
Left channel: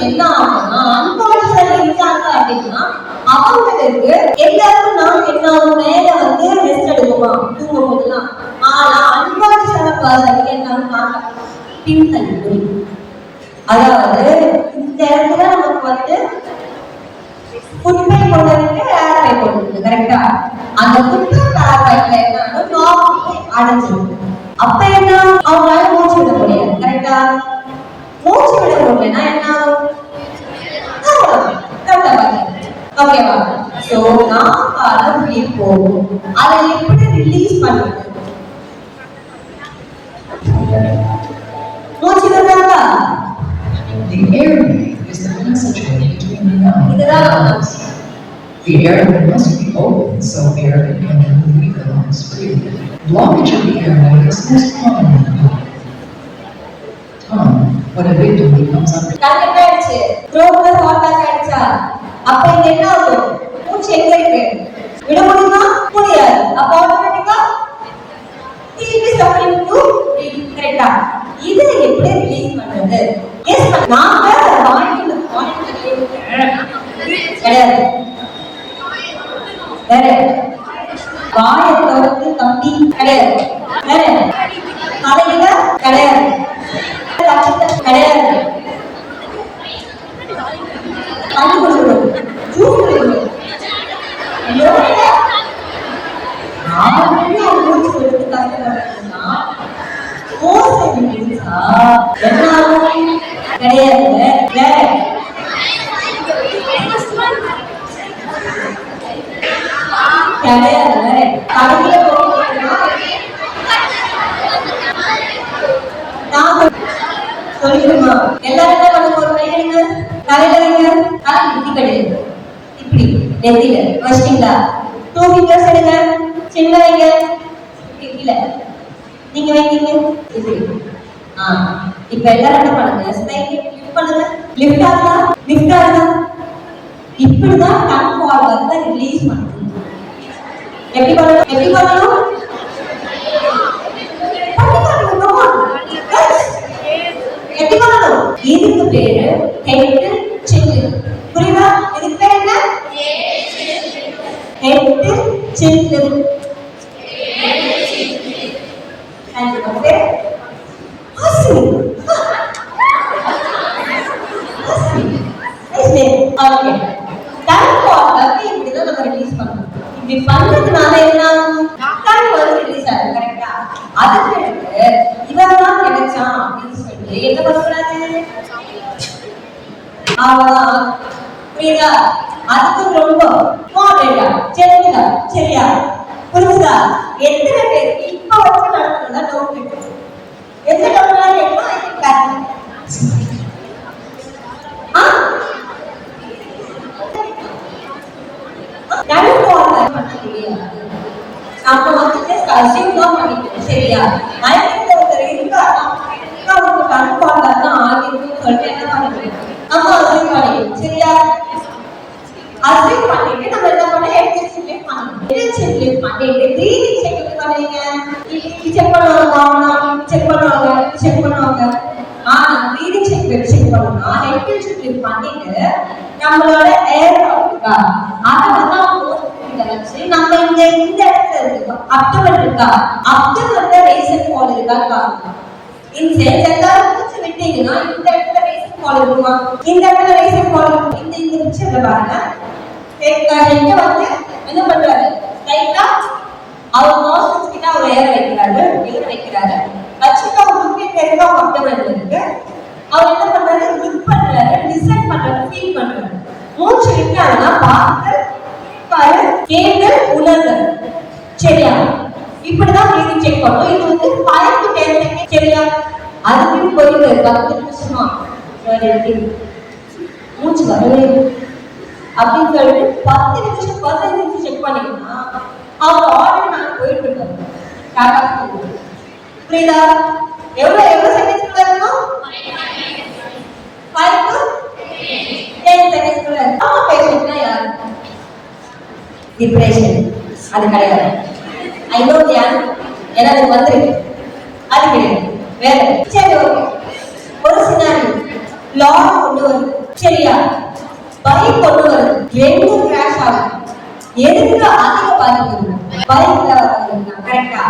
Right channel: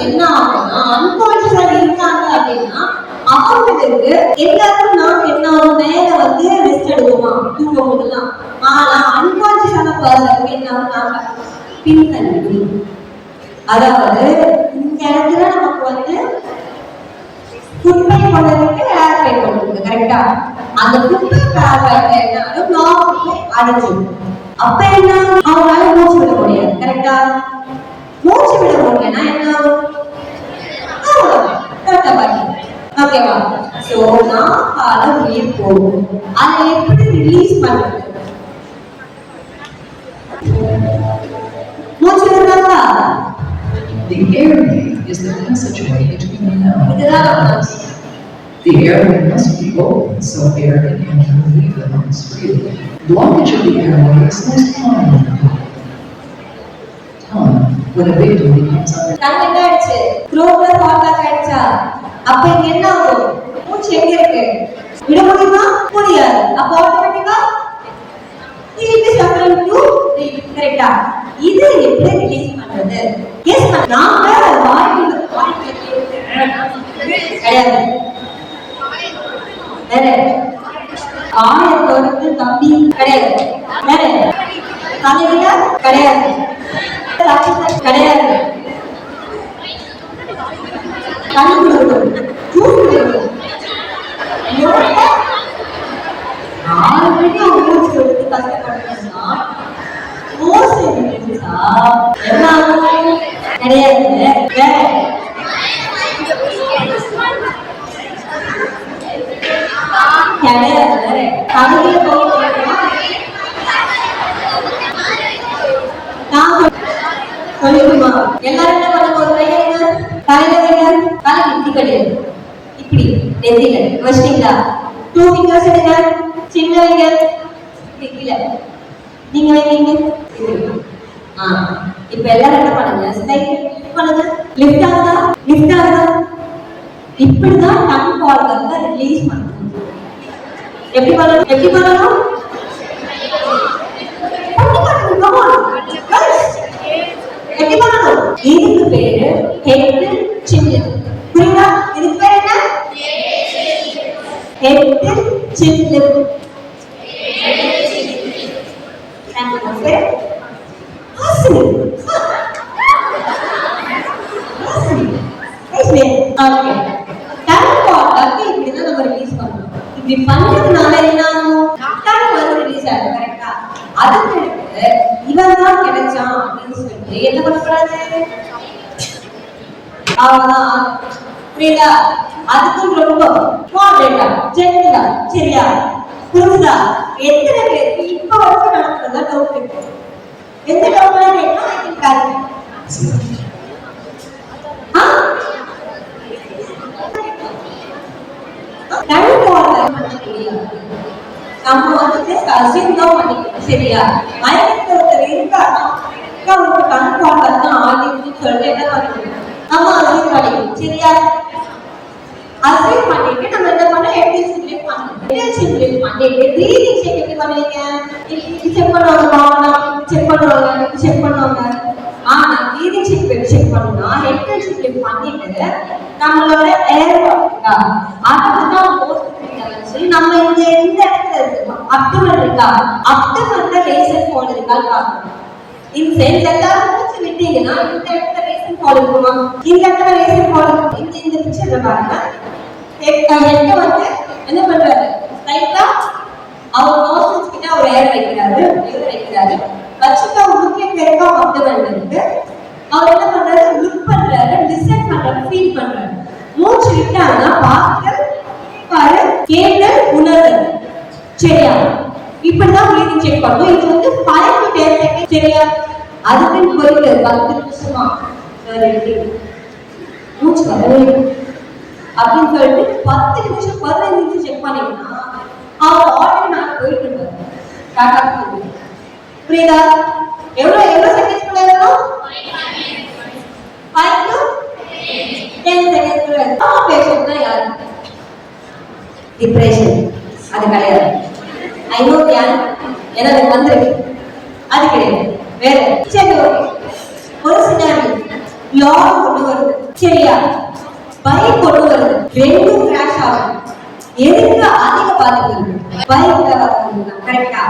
என்ன ஆகும்னா, அன்கான்ஷியஸா இருக்காங்க அப்படின்னா அவங்களுக்கு எல்லாருக்கும் நாம் என்ன ஆகும், மேல வந்து ரெஸ்ட் எடுக்குமா தூங்கும் போதெல்லாம். ஆனா அன்கான்ஷியஸான பர்சனுக்கு என்ன ஆகும், பின்தள்ளி. அதாவது இந்த இடத்துல நமக்கு வந்து குப்பை கொண்டதுக்கு ஏர் பை கொண்டது கரெக்டா. அந்த குப்பை ஏர் பைப்ல என்ன ஆகும், நாக்கு அடைஞ்சிடும். அப்ப என்ன, அவங்களால மூச்சு விட முடியாது கரெக்டா. மூச்சு விட முடியலன்னா என்ன ஆகும், அவ்வளவுதான் கரெக்டா பாருங்க. ஓகேவா? சோ நாக்கால உயிர் போகும். அதை எப்படி ரிலீஸ் பண்றது? மூச்சு விடுறாங்களா? The airway is the passageway between the lungs. The airway must be open so air can enter and leave the lungs freely. Blockage of the airway is most common in the tongue when a victim becomes under. கரெக்டாச்சு. த்ரோட்ல சாக்காக ஆயிடுச்சா? அப்ப இங்க என்ன ஆகும், மூச்சு எங்க இருக்கு, விட முடியுமா? முடியாது. அப்ப ஆட்டோமேட்டிக்கா it is suffering to கரெக்டா. இத எப்படி ரிலீஸ் பண்றது? எஸ், நாம வாய்க்குள்ள கிடையாது. வேற வாயை திறந்து தப்பி கிடையாது. வேற தலையில கிடையாது. கிடையாது. கண் கொடுக்கணும், ஜூஸ் கொடுக்கணும். ஆல்ரெடி அவங்க மூச்சு எடுத்து கஷ்டப்பட்டா மோசை விட்டுச்சா என்ன ஆகும், கிடையாது. வேற கிடையாது. தலையில போகணும்னா நான் சொல்லிடுமா, எல்லாரும் என்ன பண்ணுங்க, ஒரு கையங்க தலையில வைங்க, தலை இப்படி கிடையாது, இப்படி நெத்தில வச்சிட்டீங்களா, 2 fingers எடுங்க, சின்ன வைங்க, கீழே நீங்க வைங்க இப்படி. இப்ப எல்லாரும் என்ன பண்ணுங்க, ஸ்லைட் லிஃப்ட் பண்ணுங்க, லிஃப்ட் ஆகுதா, லிஃப்ட் ஆகுதா. இப்படிதான் டங் வால்வை ரிலீஸ் பண்ணணும். எப்படி பண்ணணும், எப்படி பண்ணணும், எப்படி பண்ணணும்? இதுக்கு பேரு ஹெட் சின். புரியுதா? இதுக்கு பேரு என்ன, head chin. Okay, okay. Tongue வால்வை இப்படிதான் நம்ம ரிலீஸ் பண்ணணும். இப்படி பண்றதுனால என்ன ஆகும், டங் வால்வை ரிலீஸ் ஆகும் கரெக்டா. அதுக்கு இவன் தான் கிடைச்சான் அப்படின்னு சொல்லி என்ன பண்ணக்கூடாது, புரியுதா? அதுக்கு ரொம்ப மாடரேட்டா ஜென்டிலா, சரியா? புரியுதா? எத்தனை பேருக்கு இப்ப வரைக்கும் நடக்கிறதா டவுட் இருக்கு? எந்த டவுட்லாம் கேட்கணும், ஐ திங்க் கரெக்ட். நம்ம வந்துட்டு அசியூம் தான் பண்ணிக்கணும், சரியா? மயக்கத்துல ஒருத்தர் இருந்தாருன்னா அவருக்கு டங் வால்வை தான் ஆகிருக்குன்னு சொல்லிட்டு என்ன பண்ணிக்கணும், நம்ம அசியூம் பண்ணிக்கணும், சரியா? அசியூம் பண்ணிட்டு நம்ம என்ன பண்ண, ஹெட் சிம்லேட் பண்ணணும். ஹெட் சிம்லேட் பண்ணிட்டு ப்ரீதிங் செக் எப்படி பண்ணுவீங்க, செக் பண்ணுவாங்க, செக் பண்ணுவாங்க, செக் பண்ணுவாங்க. ஆனா ப்ரீதிங் செக் பண்ணணும்னா ஹெட் சிம்லேட் பண்ணிட்டு நம்மளோட ஏர் இருக்கா அதை வந்து நம்ம இந்த இடத்துல இருக்கு, அப்டமன் இருக்கா, அப்டமன்ல ரேசன் ஃபால் இருக்கா. இந்த சென்ஸ் எல்லாரும் மூச்சு விட்டீங்கன்னா இந்த இடத்துல ரேசன் ஃபால் இருக்குமா, இந்த இடத்துல ரேசன் ஃபால் இருக்கும். இந்த பிக்சர்ல பாருங்க, ஹெட்ட வந்து என்ன பண்றாரு, ரைட்டா அவர் நோஸ்ட்ரில்ஸ் கிட்ட அவர் ஏர் வைக்கிறாரு, வச்சுட்டு அவர் லுக் எங்க அப்டமன்ல இருக்கு. அவர் என்ன பண்றாரு? லுக் பண்றாரு, லிசன் பண்றாரு, ஃபீல் பண்றாரு. மூச்சு விட்டாங்கன்னா பார்த்தல், பாரு, கேட்டல், உணர்தல். சரியா? இப்படிதான் பிரீதிங் செக் பண்ணுவோம். இது வந்து 5 to 10 செகண்ட். சரியா? அதுக்கு போயிட்டு 10 நிமிஷமா மூச்சு வரவே அப்படின்னு சொல்லிட்டு 10 நிமிஷம் 15 நிமிஷம் செக் பண்ணீங்கன்னா அவர் ஆல்ரெடி நான் போயிட்டு இருக்காரு. டாடா புரியுதா? எவ்வளவு எவ்வளவு செகண்ட்ஸ் குள்ள இருக்கணும்? 5 to 10 செகண்ட்ஸ் குள்ள. ஆமா, பேஷண்ட்னா யார்? டிப்ரெஷன் அது கிடையாது. ஐ நோ தியான் ஏன்னா அது வந்துருக்கு, அது கிடையாது. வேற சரி, ஓகே. ஒரு சினாரி லா கொண்டு வருது. சரியா? பைக் கொண்டு வருது, ரெண்டும் கிராஷ் ஆகும். எதுக்கு அதிக பாதிப்பு இருக்கு? பைக்ல வரவங்க. கரெக்டா?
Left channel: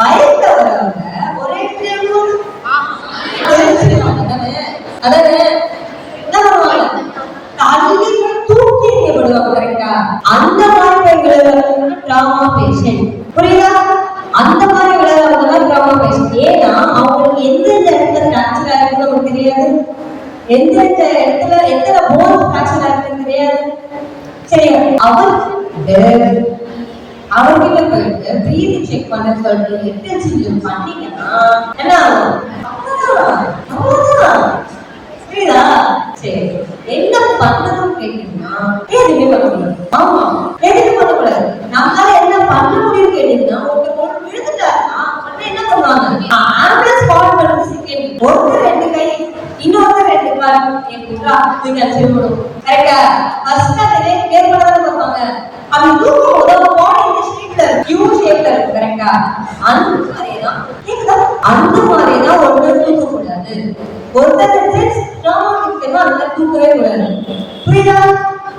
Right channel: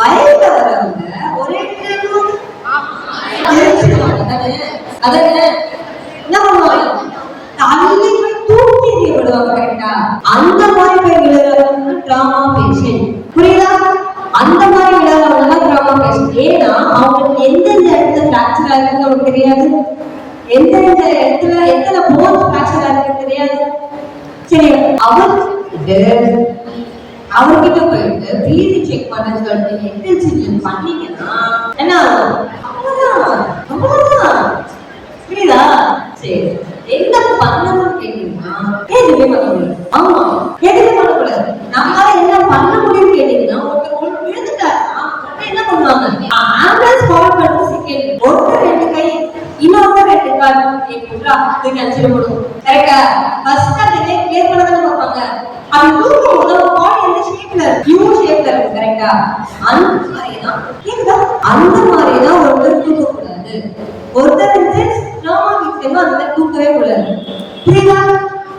பைக்ல வரவங்க ஒரே அதானே என்ன பண்ணுவாங்க? தள்ளி தூக்கி எறியப்படுவாங்க. கரெக்டா? அந்த மாதிரி போய் விழுறவங்க டிராமா பேஷண்ட். புரியுதா? அந்த மாதிரி விழுறவங்க டிராமா பேஷண்ட். ஏன்னா அவங்களுக்கு எந்தெந்த இடத்துல ஃபிராக்சர் ஆகுதுன்னு நமக்கு தெரியாது, எந்தெந்த இடத்துல எத்தனை போன் ஃபிராக்சர் ஆகுதுன்னு தெரியாது. சரி, அவர்கிட்ட போயிட்டு பிரீதிங் செக் பண்ண சொல்லிட்டு எக்ஸசைஸ் பண்ணீங்கன்னா என்ன அவ்வளவுதான். புரியுதா? சரி, என்ன பண்ணணும்னு கேட்டீங்கன்னா எதுவுமே பண்ண முடியாது. ஆமா, எதுவுமே பண்ணக்கூடாது. நம்மளால என்ன பண்ண முடியும்னு கேட்டீங்கன்னா ஒருத்தர் விழுந்துட்டாருன்னா என்ன பண்ணுவாங்க? ஆம்புலன்ஸ் கால் பண்ணுறது செகண்ட். ஒருத்தர் 2 கை, இன்னொருத்தர் 2 கால் ஏற்படுறா நீங்க அச்சிருக்கணும். கரெக்டா? ஃபர்ஸ்ட் அதே கேர் பண்ணதான் பார்ப்பாங்க. அது தூக்கும் போது பாடி இந்த ஷேப்ல யூ ஷேப்ல இருக்கு. கரெக்டா? அந்த மாதிரி தான் கேக்குதா? அந்த மாதிரி தான் ஒருத்தர் தூக்க கூடாது. ஒருத்தர் சென்ஸ் ட்ராமா விக்டிம் அந்த தூக்கவே கூடாது. புரியுதா?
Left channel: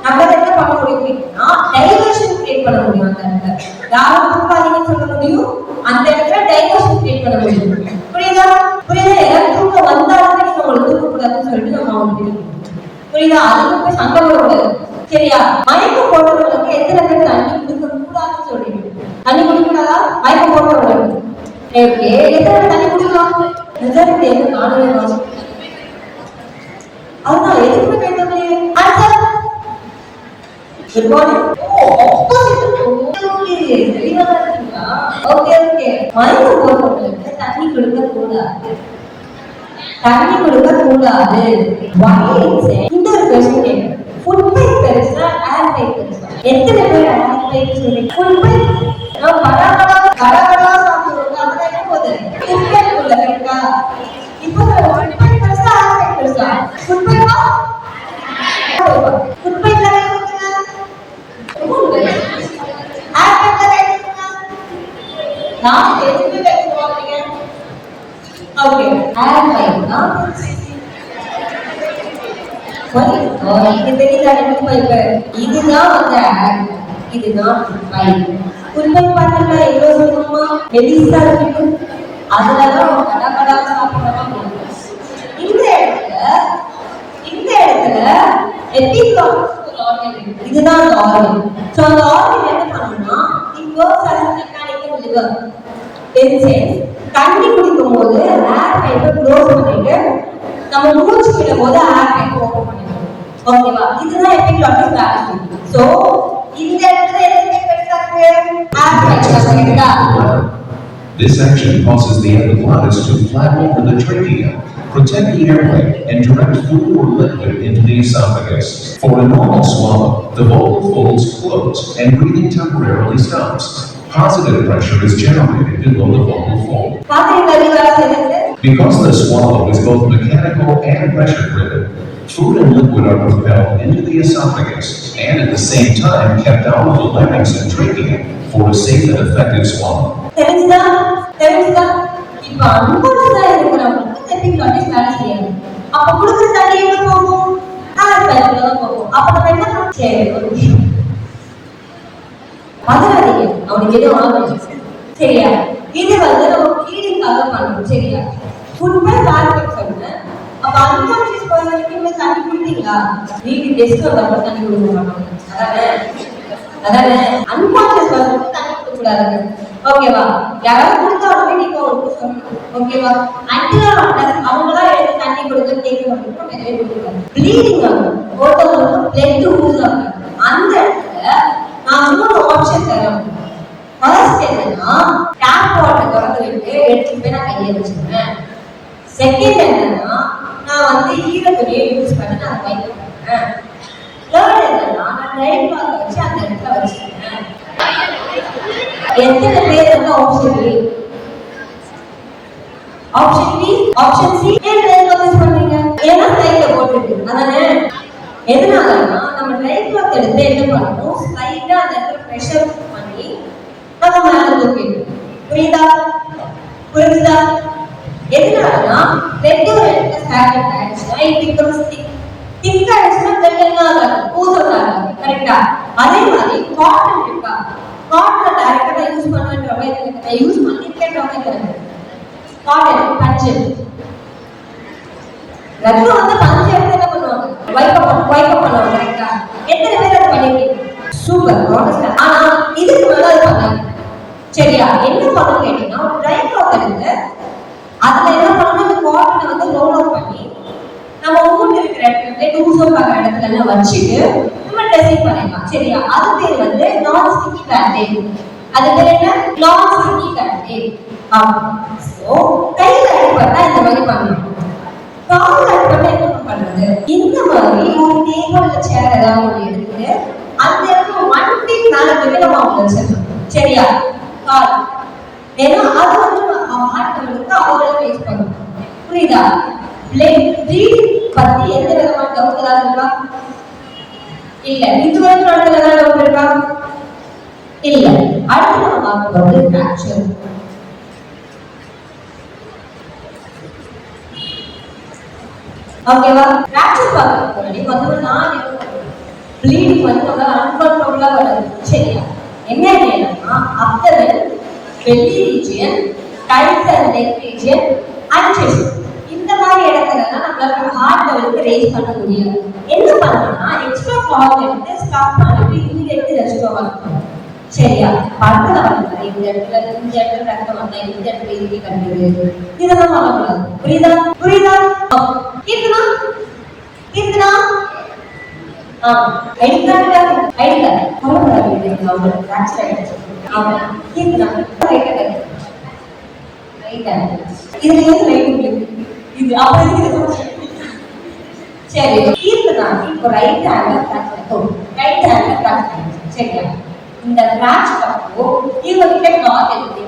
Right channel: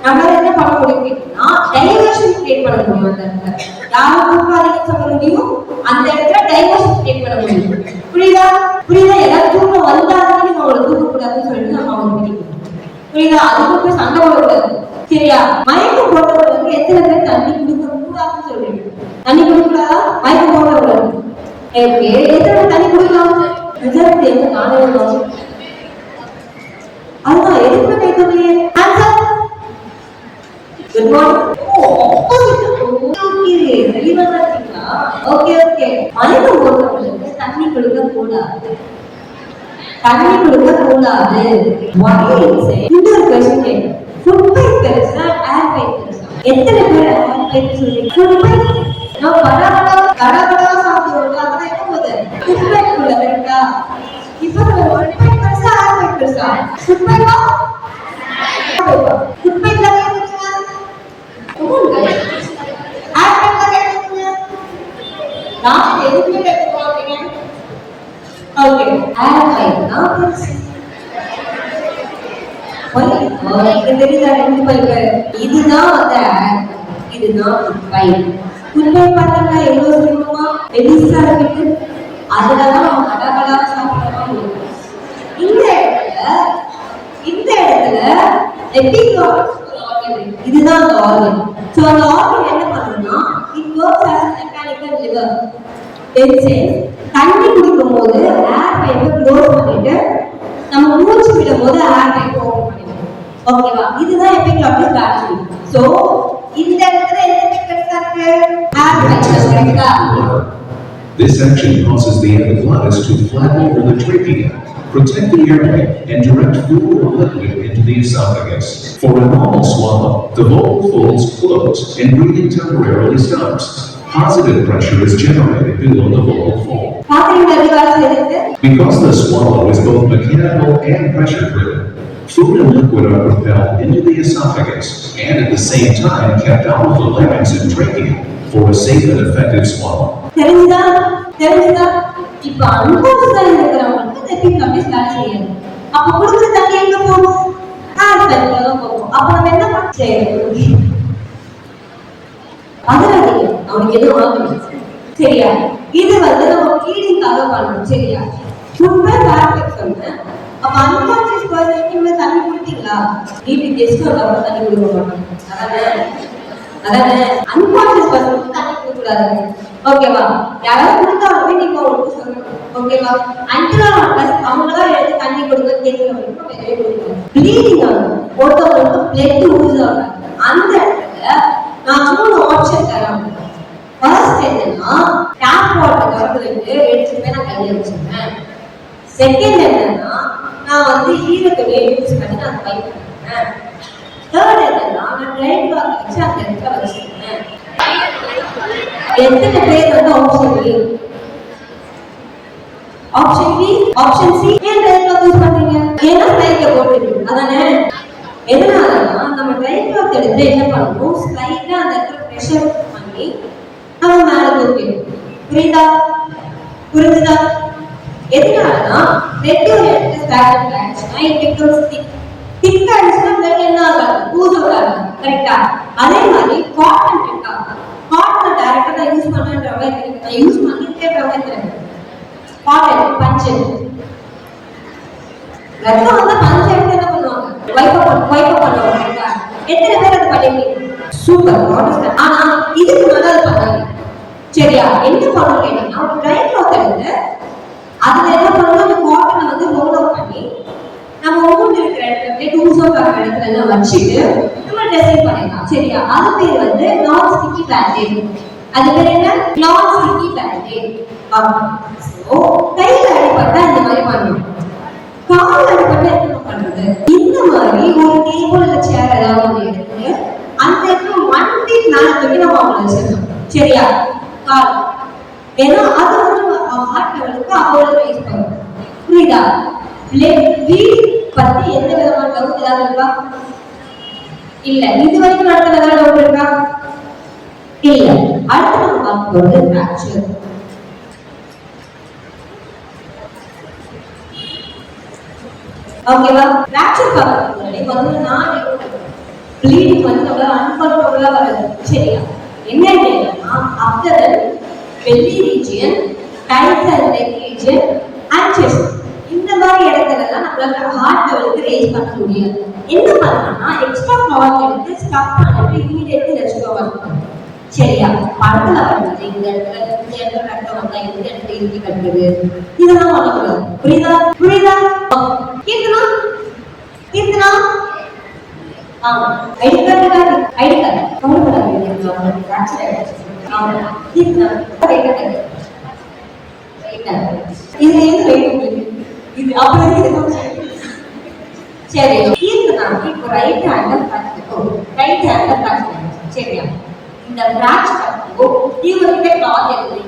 நம்ம என்ன பண்ண முடியும்னா டைவர்ஷன் கிரியேட் பண்ண முடியும். அந்த இடத்துல யாரும் தூக்காதீங்கன்னு சொல்ல முடியும், அந்த இடத்துல டைவர்ஷன் கிரியேட் பண்ண முடியும். புரியுதா? புரியுதா? ஏதாவது தூக்கம் வந்தாலுமே நீங்க அவங்களை தூக்க கூடாதுன்னு சொல்லிட்டு நம்ம அவங்க பிடிக்கணும். புரியுதா? அதுக்கு போய் சண்டை போடக்கூடாது. சரியா? மயக்கம் போடுறவங்களுக்கு எத்தனை பேர் தண்ணி குடிக்க கூடாதுன்னு சொல்றீங்க? தண்ணி குடிக்கூடாதா? மயக்கம் போடுறவங்களுக்கு ஓகே, எத்தனை தண்ணி குடிக்கலாம்? மெஜாரிட்டி எந்த நானே அதுதான் எதுக்குமே கேட்கலையே. Answer good morning. Oh, opposite. Okay, தெளிவா இருக்கீங்களா? Okay okay. மயக்கம் போடுறவங்களுக்கு தண்ணி குடிக்க கூடாது, தண்ணி குடிக்க கூடாது. இன்னொரு கொஸ்டின் கேட்கிறேன். ஃபுட் பைப் பெருசா, ஏர் பைப் பெருசா? எத்தனை பேர் ஏர் பைப் சொல்றீங்க? ஃபுட் பைப் நான் கடகடா சாப்பிடுறோம். அதெல்லாம் என்ன போகுது? ஃபுட் பைப் உள்ள. கரெக்டா? இப்போ ஃபுட் பைப் பெருசா, ஏர் பைப் பெருசா? ஃபுட் பைப்பா? ஃபுட் பைப்ல கேக்குங்க. ஏர் பைப்ல கேக்குங்க. நான் எதுக்கு கேட்க போறீங்க? ஓகே, ஏர் பைப் தான் பெருசு. இதுதான் வந்து இதுதான் பைப். ஃபுட்பால் பார்த்தா எவ்வளவு சொல்லுமா பெருசா இருக்கு. அதுலதான் கடகடா சாப்பிடறோம். இந்த இடத்துல எபிகார்டிக் ஆர்கன் இருக்கு. இதுதான் அந்த ஆர்கன். சோ அந்த ஆர்கன் என்ன பண்ணும்னா it works as a mechanical liver. தண்ணி குடிக்கும் போது ஏர் பைப்பை க்ளோஸ் பண்ணிட்டு நம்ம மூச்சு விடும் போது ஏர் பைப்பை ஓபன் பண்ணிடுவோம். ஓகேவா? இதுதான் எபிகார்டிக் ஆக்ஷன். சோ இந்த இடத்துல என்ன பெருசா இருக்கு? ஏர் பைப். கரெக்ட்டா? This action causes the epiglottis to flap over the trachea, protect the airway, and direct food or liquid into the esophagus. For a normal swallow, the vocal folds close and breathing temporarily stops. Positive pressure is generated below the vocal fold. Because the swallow is both mechanical and pressure driven, food and liquid are propelled into the esophagus and at the same time kept out of the larynx and trachea for a safe and effective swallow. தெரிஞ்சுதா? இப்ப அன்கான்ஷியஸா இருக்கிறவங்களுக்கு எபிகார்டிக் வேலை செய்யாது. அப்ப குடிச்ச தண்ணி எங்க போகும்? ஏர் பைப்ல தான் போகும். அப்ப நம்ம என்ன பண்ண? சரி, ஒரு விஷயம் பதறாதீங்க, அவனுக்கு எதுவும் ஆகல. சரியா? இது வந்து நம்ம ஃபீடிங்காக பண்ணணும். சரியா? ஃபுட் ஏர் பைப் சொன்னேன். அப்ப அன்கான்ஷியஸ் பர்சனுக்கு தண்ணி குடிப்பீங்களா? வீட்டுக்கு கெஸ்ட் வந்தா தண்ணி குடிக்க மாட்டாங்க. அதானே அன்கான்ஷியஸ் பர்சனுக்கு தண்ணி குடிக்க கூடாது. ஓகேவா? யாராவது கொடுத்தா உடனே நீங்க சொல்லணும். ஓகேவா? அன்டில் அவங்கள ப்ளீடிங் ஆகும், ஒருத்தவங்களுக்கு பிளட் லூஸ் ஆகும். அந்த இடத்துல நான் 3 ஆப்ஷன் தரேன். ஃபர்ஸ்ட் என்னன்னா டேப் வாட்டர் திறந்துட்டு எடுத்துட்டு போய் நான் கையை வச்சிருவேன். செகண்ட் என்னன்னா நான் வந்து ஈரத்துணியை யூஸ் பண்ணி நான் வைப் பண்ணுவேன். தேர்ட் என்னன்னா நான் ட்ரை கிளாத் வச்சு அந்த இடத்துல வச்சிருவேன். எத்தனை பேர் வந்து ஆப்ஷன் டி ஆப்ஷன் சி ஏன் ட்ரை கிளாத் யூஸ் பண்றீங்க? ஏன்னா கையில போட்டுருக்கு அதானே. எதனாலன்னா நம்ம ட்ரை கிளாத் எடுத்து என்ன பண்ணணும், ஸ்லைட்டா அந்த இடத்துல ப்ரெஷர் பண்ணி நம்ம மேல தூக்கிடணும். புரியுதா? எதனாலன்னா ரெட் ஒரு இடத்துல ஸ்டாக் ஆயிடுச்சுன்னா it becomes thick. திக் ஆயிடுச்சுன்னா பிளட் என்ன ஆகாது, பூசல் ஆகாது. கரெக்டா? அதே மாதிரி காட்டன் இருக்கா, காட்டன் டைரக்டா நான் யூஸ் பண்றேன்றவங்க நான் யூஸ் பண்ணிருக்கேன்றவங்க தெரியும். காட்டன் பஞ்சு ரத்தம் வந்து பஞ்சு எடுத்து என்ன பண்ணுவாங்க, வைப் பண்ணுவாங்க. கரெக்டா? எத்தனை பேர் அதை பண்ணிருக்கீங்க? சூப்பர். ஆனா இதுக்கு மேல அது பண்ணாங்க. சரியா? என்ன பண்ணணும் கேட்டீங்கன்னா ஒரு ட்ரை கிளாத் எடுத்து அதுல என்ன பண்ணணும், அந்த காட்டனை வந்து ரோல் அவுட் பண்ணி நம்ம ஊர்ல இருக்கிற இடத்துல டூசோ வர இடத்துல எல்லாம் வச்சுட்டு நம்ம ட்ரெஸ்ஸிங் பண்ணிடலாம். சரியா? அது பேர் வந்து நான் ஸ்டிக்கி பேண்டேஜ். அது பேர் என்ன? நான் ஸ்டிக்கி பேண்டேஜ். சோ கையில அடிபட்டா இந்த மாதிரி பண்ணணும். கால்ல அடிபட்டா என்ன பண்றது? இந்த மாதிரி ஒரு டேபிள்ல சேர் ஏதாவது ஒன்று எடுத்து அந்த இடத்துல 1 feet மேல தூக்கி நம்ம அவங்க வச்சிடணும். சரியா? கால் ஏன்னா அது வந்து ஹார்ட் லெவலுக்கு அவ்வளவு ரைஸ் பண்ணும். புரியுதா? ப்ளீட் பத்தி எந்த விதமான டவுட் ஏதாவது இருக்கா? இல்ல. இது வரைக்கும் நடந்த ஏதாவது டவுட் இருக்கா? இல்ல. அடுத்து நம்ம பார்க்க போறது ஃபிராக்சர். ஓகேவா? ஃபிராக்சர் பார்க்க முன்னாடி முதல்ல நான் ப்ளீடிங் வந்து அன்கண்ட்ரோலா வருது. சரியா? என்ன கேட்டா after belly region, thighs and leg region and chest. இந்த மாதிரி இடத்துல நம்மளால ஹார்ட் லெவலுக்கு ரேஸ் பண்ண முடியாது. என்ன பண்ணணும்னா எக்ஸ்ட்ரா கிளாத் எடுத்து ஸ்டாப் பண்ணிட்டு இமிடியேட்லி ரெஸ்ட் பண்ணணும். சரியா? படத்துல வந்து இந்த இடத்துல ரத்தம் வந்தா இந்த இடத்துல இறுதி கட்டுது இதெல்லாம் பண்ணக்கூடாது. புரியுதா? கீர்த்தனா ஐடி கார்டு கவலைப்படாதீங்க, ஃபிராக்சர் ஆயிடுச்சு. கீர்த்தனா இதுல எது ரைட் உங்களுக்கு இது அப்படி சரி. கீர்த்தனா இப்போ ரைட் ஹேண்ட்ல ஃபிராக்சர். சரியா? இந்த ஃபிராக்சர் அப்போ இவங்க கிட்ட கிளாத் எடுத்து.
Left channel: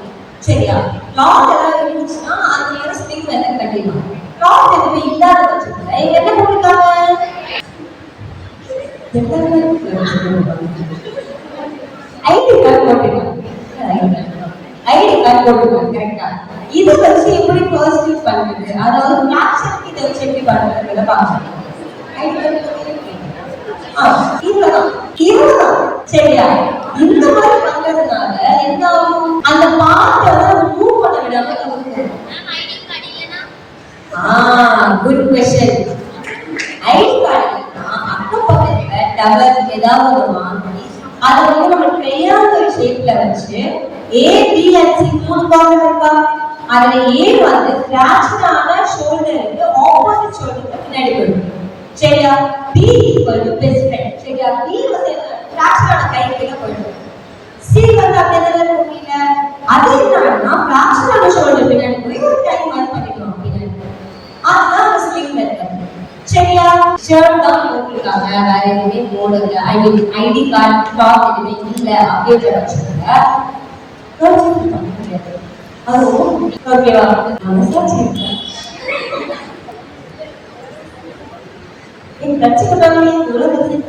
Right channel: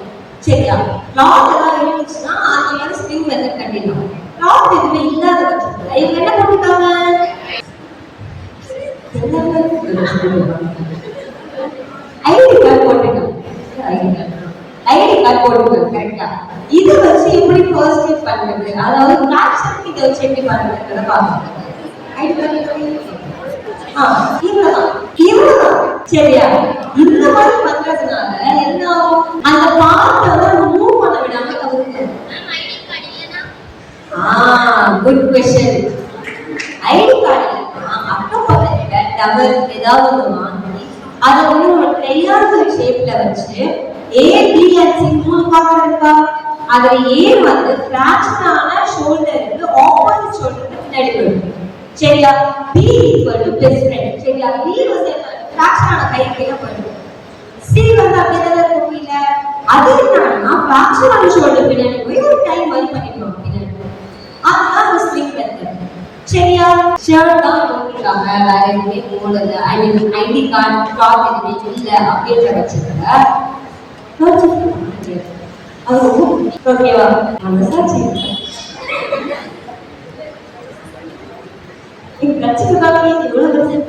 சரியா? கிளாத் ஏதாவது இருந்துச்சுன்னா அது மேல ஸ்ப்ரிங் மெத்தட் கட்டிடணும். கிளாத் எதுவுமே இல்லாத பட்சத்துல இவங்க என்ன பண்ணிருக்காங்க, ஐடி கார்டு போட்டுருக்காங்க. கரெக்டா? இதை வச்சு எப்படி ஃபர்ஸ்ட் எய்ட் பண்றது, அதாவது ஃபிராக்சருக்கு இதை வச்சு எப்படி பண்றதுன்றத பாருங்க. இவ்வளவுதான். சரியா? இந்த மாதிரி பண்றதுனால என்ன ஆகும், அந்த பார்ட்டை மூவ் பண்ண விடாம தவிர்க்கும். Good question. ஐடி கார்டு அக்கப்பக்கத்துல டவர் ஏதாவது வாங்கி அதை வந்து நம்ம ட்ரையாங்கிள் ஷேப்ல வச்சு A, B and C 3 part இருக்கா, அதுல A வந்து ஃபிராக்சரான ஷோல்டருக்கு ஆப்போசிட் ஷோல்டருக்கு பின்னாடி வரும். சரியா? B equal to best friend. சரியா? B வந்து ஃபிராக்சரான கை கீழ போயிடும். C வந்து அப்படியே இருக்கும் இல்ல, அது என்னன்னா ஃபிராக்சரான ஷோல்டர் பின்னாடி போய் ஒரு டை மாதிரி பண்ணிடுவோம் பின்னாடி. அதுதான் ஸ்லிங் மெத்தட். சரியா? ஷர்ட் தான் போட்டுருக்காங்க, வேற எதுவுமே போடல, ஐ மீன் ஐடி கார்டு டாப் எதுவுமே இல்ல அப்படின்ற பட்சத்துல ஓகேவா? மனசாச்சு பிரச்சனை தானே இவ்வளவு பிரச்சனை.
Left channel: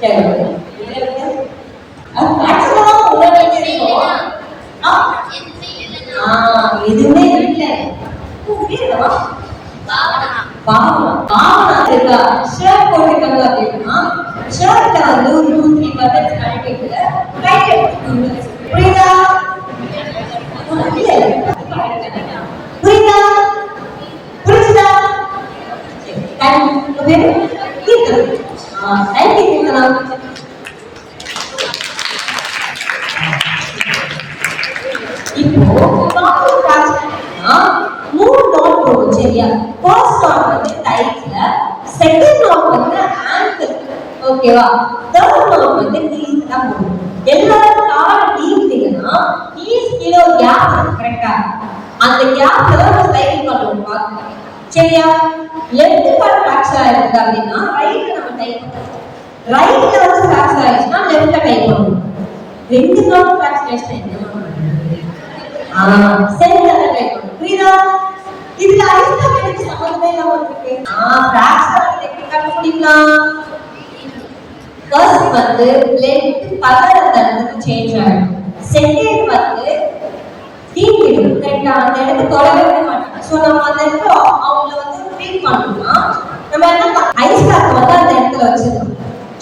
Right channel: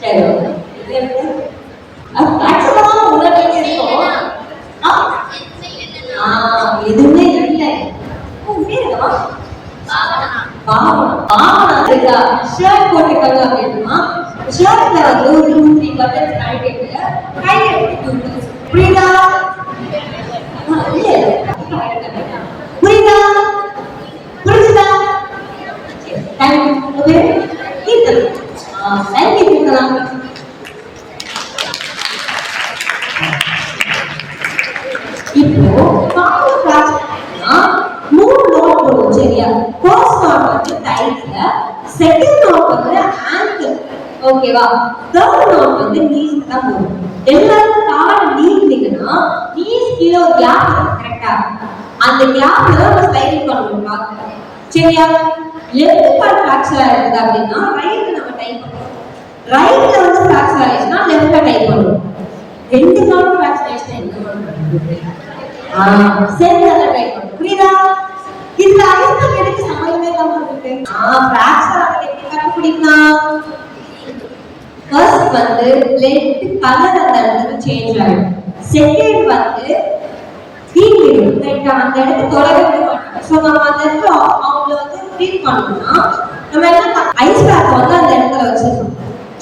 சரி எதுவுமே இல்லை. ஷர்ட் போட்டுக்காங்க அப்படின்னா ஷர்ட்ல வந்து ஒரு 2-3 பட்டன்ஸ் கழட்டிட்டு கையில எடுத்து புரியுதா? புரியுதா? தேங்க்யூ. கீர்த்தனா ஓகேவா? தேர்ட் நோட் வந்து நீஸ் தான் போகும். எல்லாரும் கால் நீந்தீங்கன்னா நீஸ் கீழே ஒரு கேப் கரெக்டா? அந்த கேப்ல தான் நம்ம ஸ்லைடிங் பண்ணுவோம். சரியா? லெஃப்ட் கால் ஃபிராக்சர் ஆயிருக்கு அப்படின்னா ரைட்ல நம்ம டைப் பண்ணுவோம். ரைட்ல வந்து ஃபிராக்சர் ஆயிடுச்சுன்னா லெஃப்ட்ல டைப் பண்ணுவோம். ரெண்டு கால் ஃபிராக்சர் ஆயிடுச்சுன்னா என்ன பண்ணுவோம்? சென்டர்ல டைப் பண்ணுவோம். புரியுதா? இதுல ஐஸ்ல எடுத்து சமயமே இல்லாம இருக்கு. ஃபிராக்சர் ஆன டெக்னிக் கண்டுபிடிக்கலாம். ஃபர்ஸ்ட் வந்து லெஃப்ட் கலர் அந்த இடத்துக்கு சேஞ்ச் ஆகும். செகண்ட் வந்து தீங்கிடும். கரெக்டா? அந்த இடத்துக்கு தொலைவே விட மாட்டாங்க. ஸோ நம்ம அந்த இடத்துல அவங்கள வந்து ட்ரீட் பண்ணணும்னா நம்ம என்ன ஐஸ் பேக் வந்து அந்த இடத்துல வச்சிருக்கோம்.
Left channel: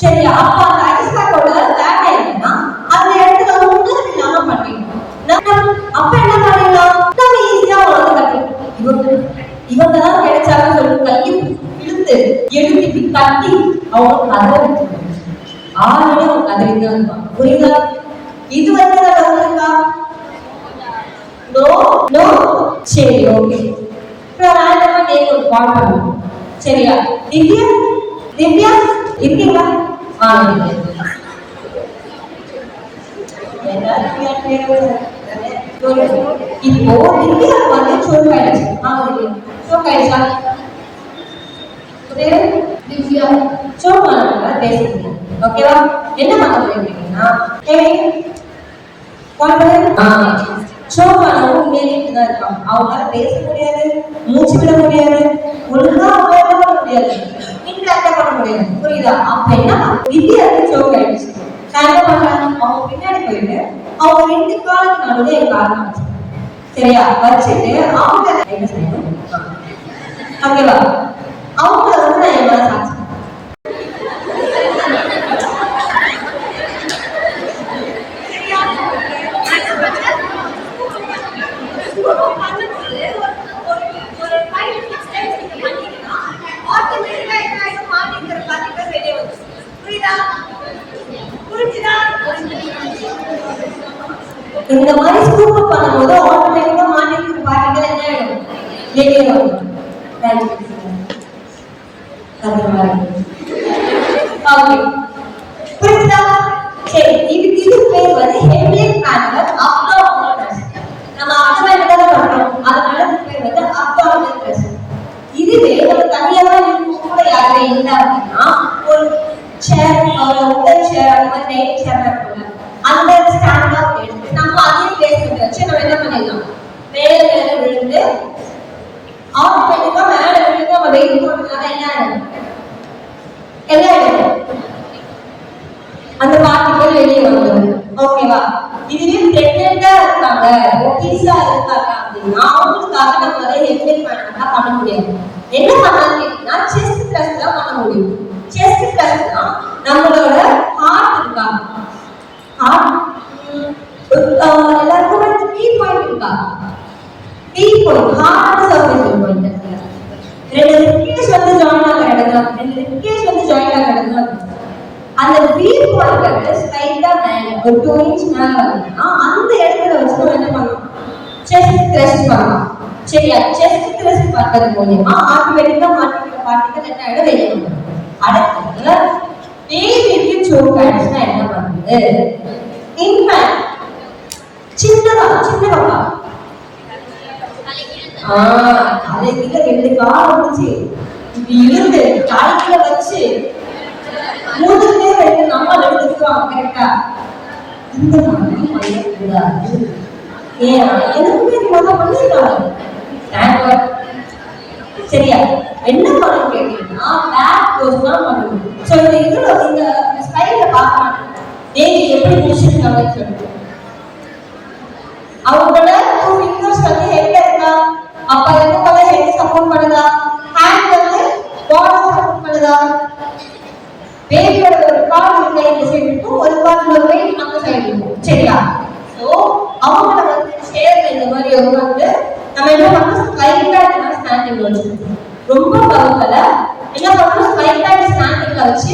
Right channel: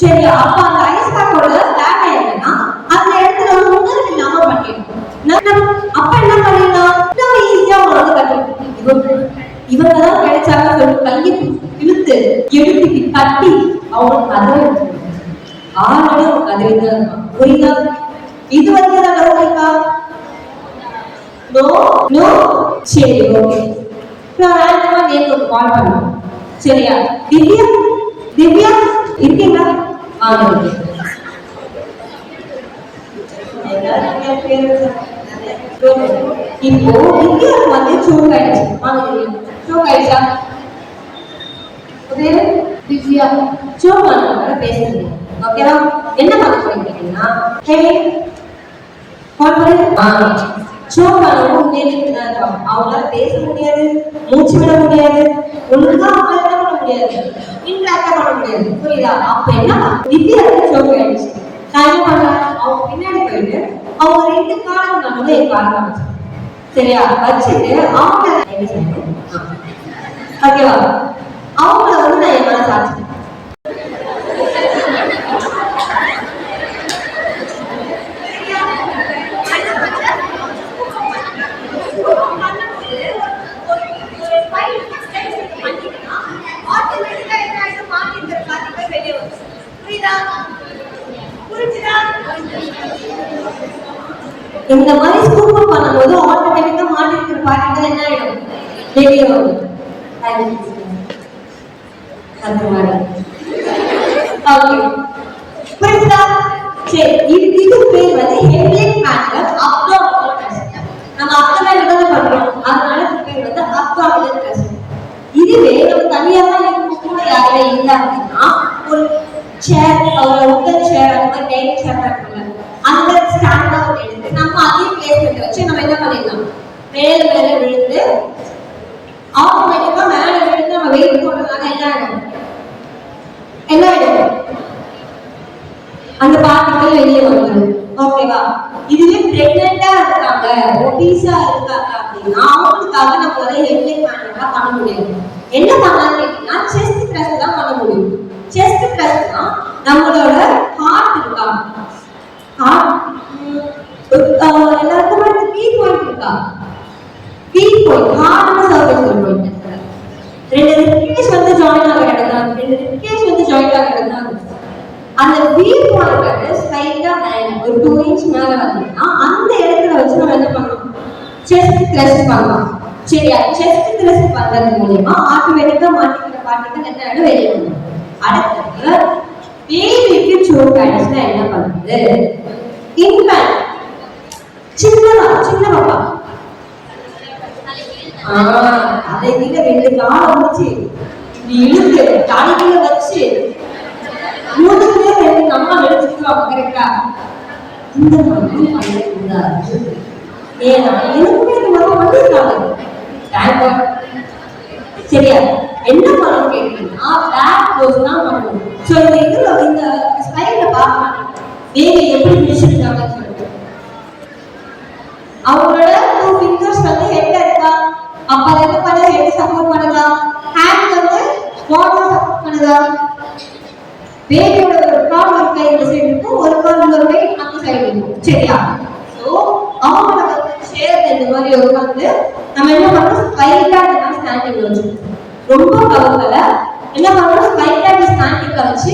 சரியா? அப்ப அந்த ஐஸ் பேக்கோட வேலை என்னன்னா அந்த இடத்துல உணர்வு இல்லாம பண்ணிடணும். அப்ப என்ன பண்ணிடலாம்? நம்ம ஈஸியா உணர்ந்து கட்டணும். இவங்க தான் கிடைச்சாங்க சொல்லி கையை இழுத்து எடுத்துட்டு கட்டி அவங்க கதை ஆளுநர் அவங்க கதை தான். புரியுதா? இது வந்து இருக்கா? No no. சரி, ஓகே. நான் ரேண்டமா நேம் ஒரு கால் பண்ணுவேன். சரியா? திவ்யா திவ்யா இருக்கீங்களா? இப்போ திவ்யா வந்து சோக் ஆயிடுச்சு. சோக் ஆயிடுச்சா? திவ்யா சோக் ஆனவங்க பேசுறீங்க. ஓகேவா? என்ன பண்ண போறீங்கன்னா சோக் ஆனவங்க மேலிட்டு தான் இருப்பாங்க. அவங்களால பேச முடியாது, மூச்சு விட முடியாது, ஒண்ணுதான் அவங்க என்ன பண்ண முடியாது, இன்டராக்டா பண்ண முடியாது. புரியுதா? அப்ப என்ன திவ்யாவுக்கு சோக் ஆயிடுச்சு. நான் என்ன பண்றேன்? அவங்க பின்னாடி போயிட்டு அவங்க ரெண்டு காலுக்கு நடுவுல என் காரணம் வச்சு சரியா வச்சுட்டு அவங்க என்ன செய்யணும்? ஓகேவா? அவங்கள வந்து நான் என்னால சாட்சி இந்த மாதிரி ஸ்கூப் பண்ணும்போது ஆட்டோமேட்டிக்கா மாட்டிக்கிற பார்ட்டிகள் என்ன ஆயிடும்? வெளியே வரும். அந்த மாதிரி ஓகே, புரியுதா? சரி, இது பேர் வந்து ஹெட்லிங் மேனுவல் அப்டாமினல் த்ரஸ்ட். நம்ம அப்டாமினல் தான் பண்றோம், அதனால இது பேர் வந்து அப்டாமினல் த்ரஸ்ட். இதுவே நம்ம தனியாக இருக்கும் கூட யாருமே இல்லை அப்படின்னா ஒரு சேர், ஒரு உட்டன் சேர், அந்த மாதிரி நெயின் சேர் இருக்குல்ல, அந்த ஸ்டாண்ட் அவுட் எடுத்து நம்ம அதே பிளேஸ்மெண்ட் வச்சு நம்ம என்ன பண்ணிடலாம்? மேல மேல விழுந்து ஆட்டோமேட்டிக்கா மேல விழுந்து நம்ம வெயிட் போடுறதுனால என்ன ஆயிடும்? என்ன ஆயிடும்? அந்த பார்ட்டிகள் வெளியே வந்துடும். ஓகேவா? இதுவே பிரெக்னெண்டா இருக்காங்க, ஒபீஸா இருக்காங்க அப்படின்னா அவங்களுக்காக நம்ம அதை ஹெட்லிங் மேனுவலா பண்ண முடியாது. என்ன பண்ணலாம்னு கேட்டீங்கன்னா செஸ்ட் த்ரஸ்ட் தான் பண்ண முடியும். செஸ்ட் த்ரஸ்ட் தான் நம்மளோட ஹார்ட் இருக்கா, ஹார்ட் எல்லாருக்கும் வந்து பி பாயிண்ட் இருக்கா? B point heart surface point இருக்கு. ரெண்டு ரிப்கேஜ் வந்து ஜாயின் ஆகிற இடம் தான், ரெண்டு ரிப்கேஜ் வந்து ஜாயின் ஆகிற இடம் தான். அந்த பி பாயிண்ட் வந்து ஸ்லைட்டா மேல ஒரு 2 இன்ச் மேல வந்தீங்கன்னா அந்த இடத்துல வச்சு நம்ம என்ன பண்ணலாம்? செஸ்ட் த்ரஸ்ட் பண்ணலாம். சரியா? செஸ்ட் த்ரஸ்ட் பண்றது மூலமா ஆட்டோமேட்டிக்கா மாட்டிக்கிற பார்ட்டிகள் என்ன ஆயிடும்? வெளியே வந்துடும். அடுத்து பேபிக்கு சோக் ஆயிடுச்சுன்னா என்ன பண்ணுது? இன்ஃபேன்ட் சின்ன பாப்பா தலைகீழ ரெண்டு கால் வந்துச்சு, இப்படி இழுத்து தலைகீழ வச்சு மூணுமே ரெண்டு நம்ம எடுத்துக்குவாங்க. கரெக்டா? இந்த மாதிரி பண்ணக்கூடாது. ஏன்னா எனக்குமே இந்த மாதிரி பண்ணிருக்காங்க. சரியா? என்ன பண்ணணும் கேட்டீங்கன்னா பேக் போஸ் தான் பண்ணணும். ஸோ இந்த ஸ்டைல பார்க்கலாம் பேபி எப்படி முடிச்சிருக்காங்கன்னு சொல்லிட்டு அவங்களோட 2 ஃபிங்கர்ஸ் வந்து ஹெட்ல இருக்கா? அப்ப அது என்ன பண்ண? ஹெட் சப்போர்ட் பண்ணுதா? ஹேண்ட் வந்து பாடி சப்போர்ட் பண்ணுதா? பேபியோட ஒரு கால் ஒரு கை இந்த சைடு இருக்கும், ஒரு கால் ஒரு கை அந்த சைடு இருக்கும். சரியா? ஸோ அவங்கள வந்து சேர்ல இந்த மாதிரி உட்காந்து நம்ம என்ன பண்ணணும்? ஸ்ட்ரைட்டா ஸ்டாண்டிங் வச்சுக்கணும். ரொம்ப பவர்ல என்ன பண்ணணும்? ஸ்ட்ரைட்டா ஸ்டாண்டிங்ல வச்சு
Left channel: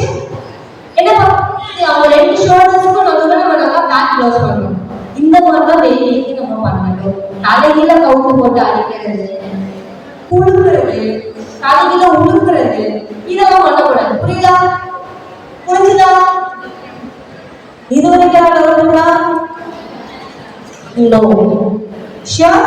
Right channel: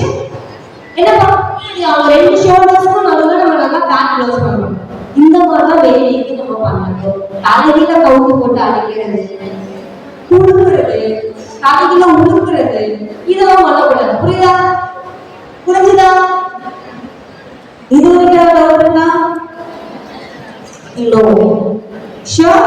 என்ன பண்ணணும்? அவங்க ரெண்டு ஷோல்டர்ஸ்க்கும் நடுவுல நம்ம நல்லா பேக் க்ளோஸ் பண்ணணும். இந்த மாதிரி தான் பேபிக்கு நம்ம பண்ணணும். தலைகீழ கவுத்து போட்டு அடிக்கிறது, குடுக்குறது, தலைகீழ உழுக்குறது, இதெல்லாம் பண்ணக்கூடாது. புரியுதா? புரிஞ்சுதா? Sure?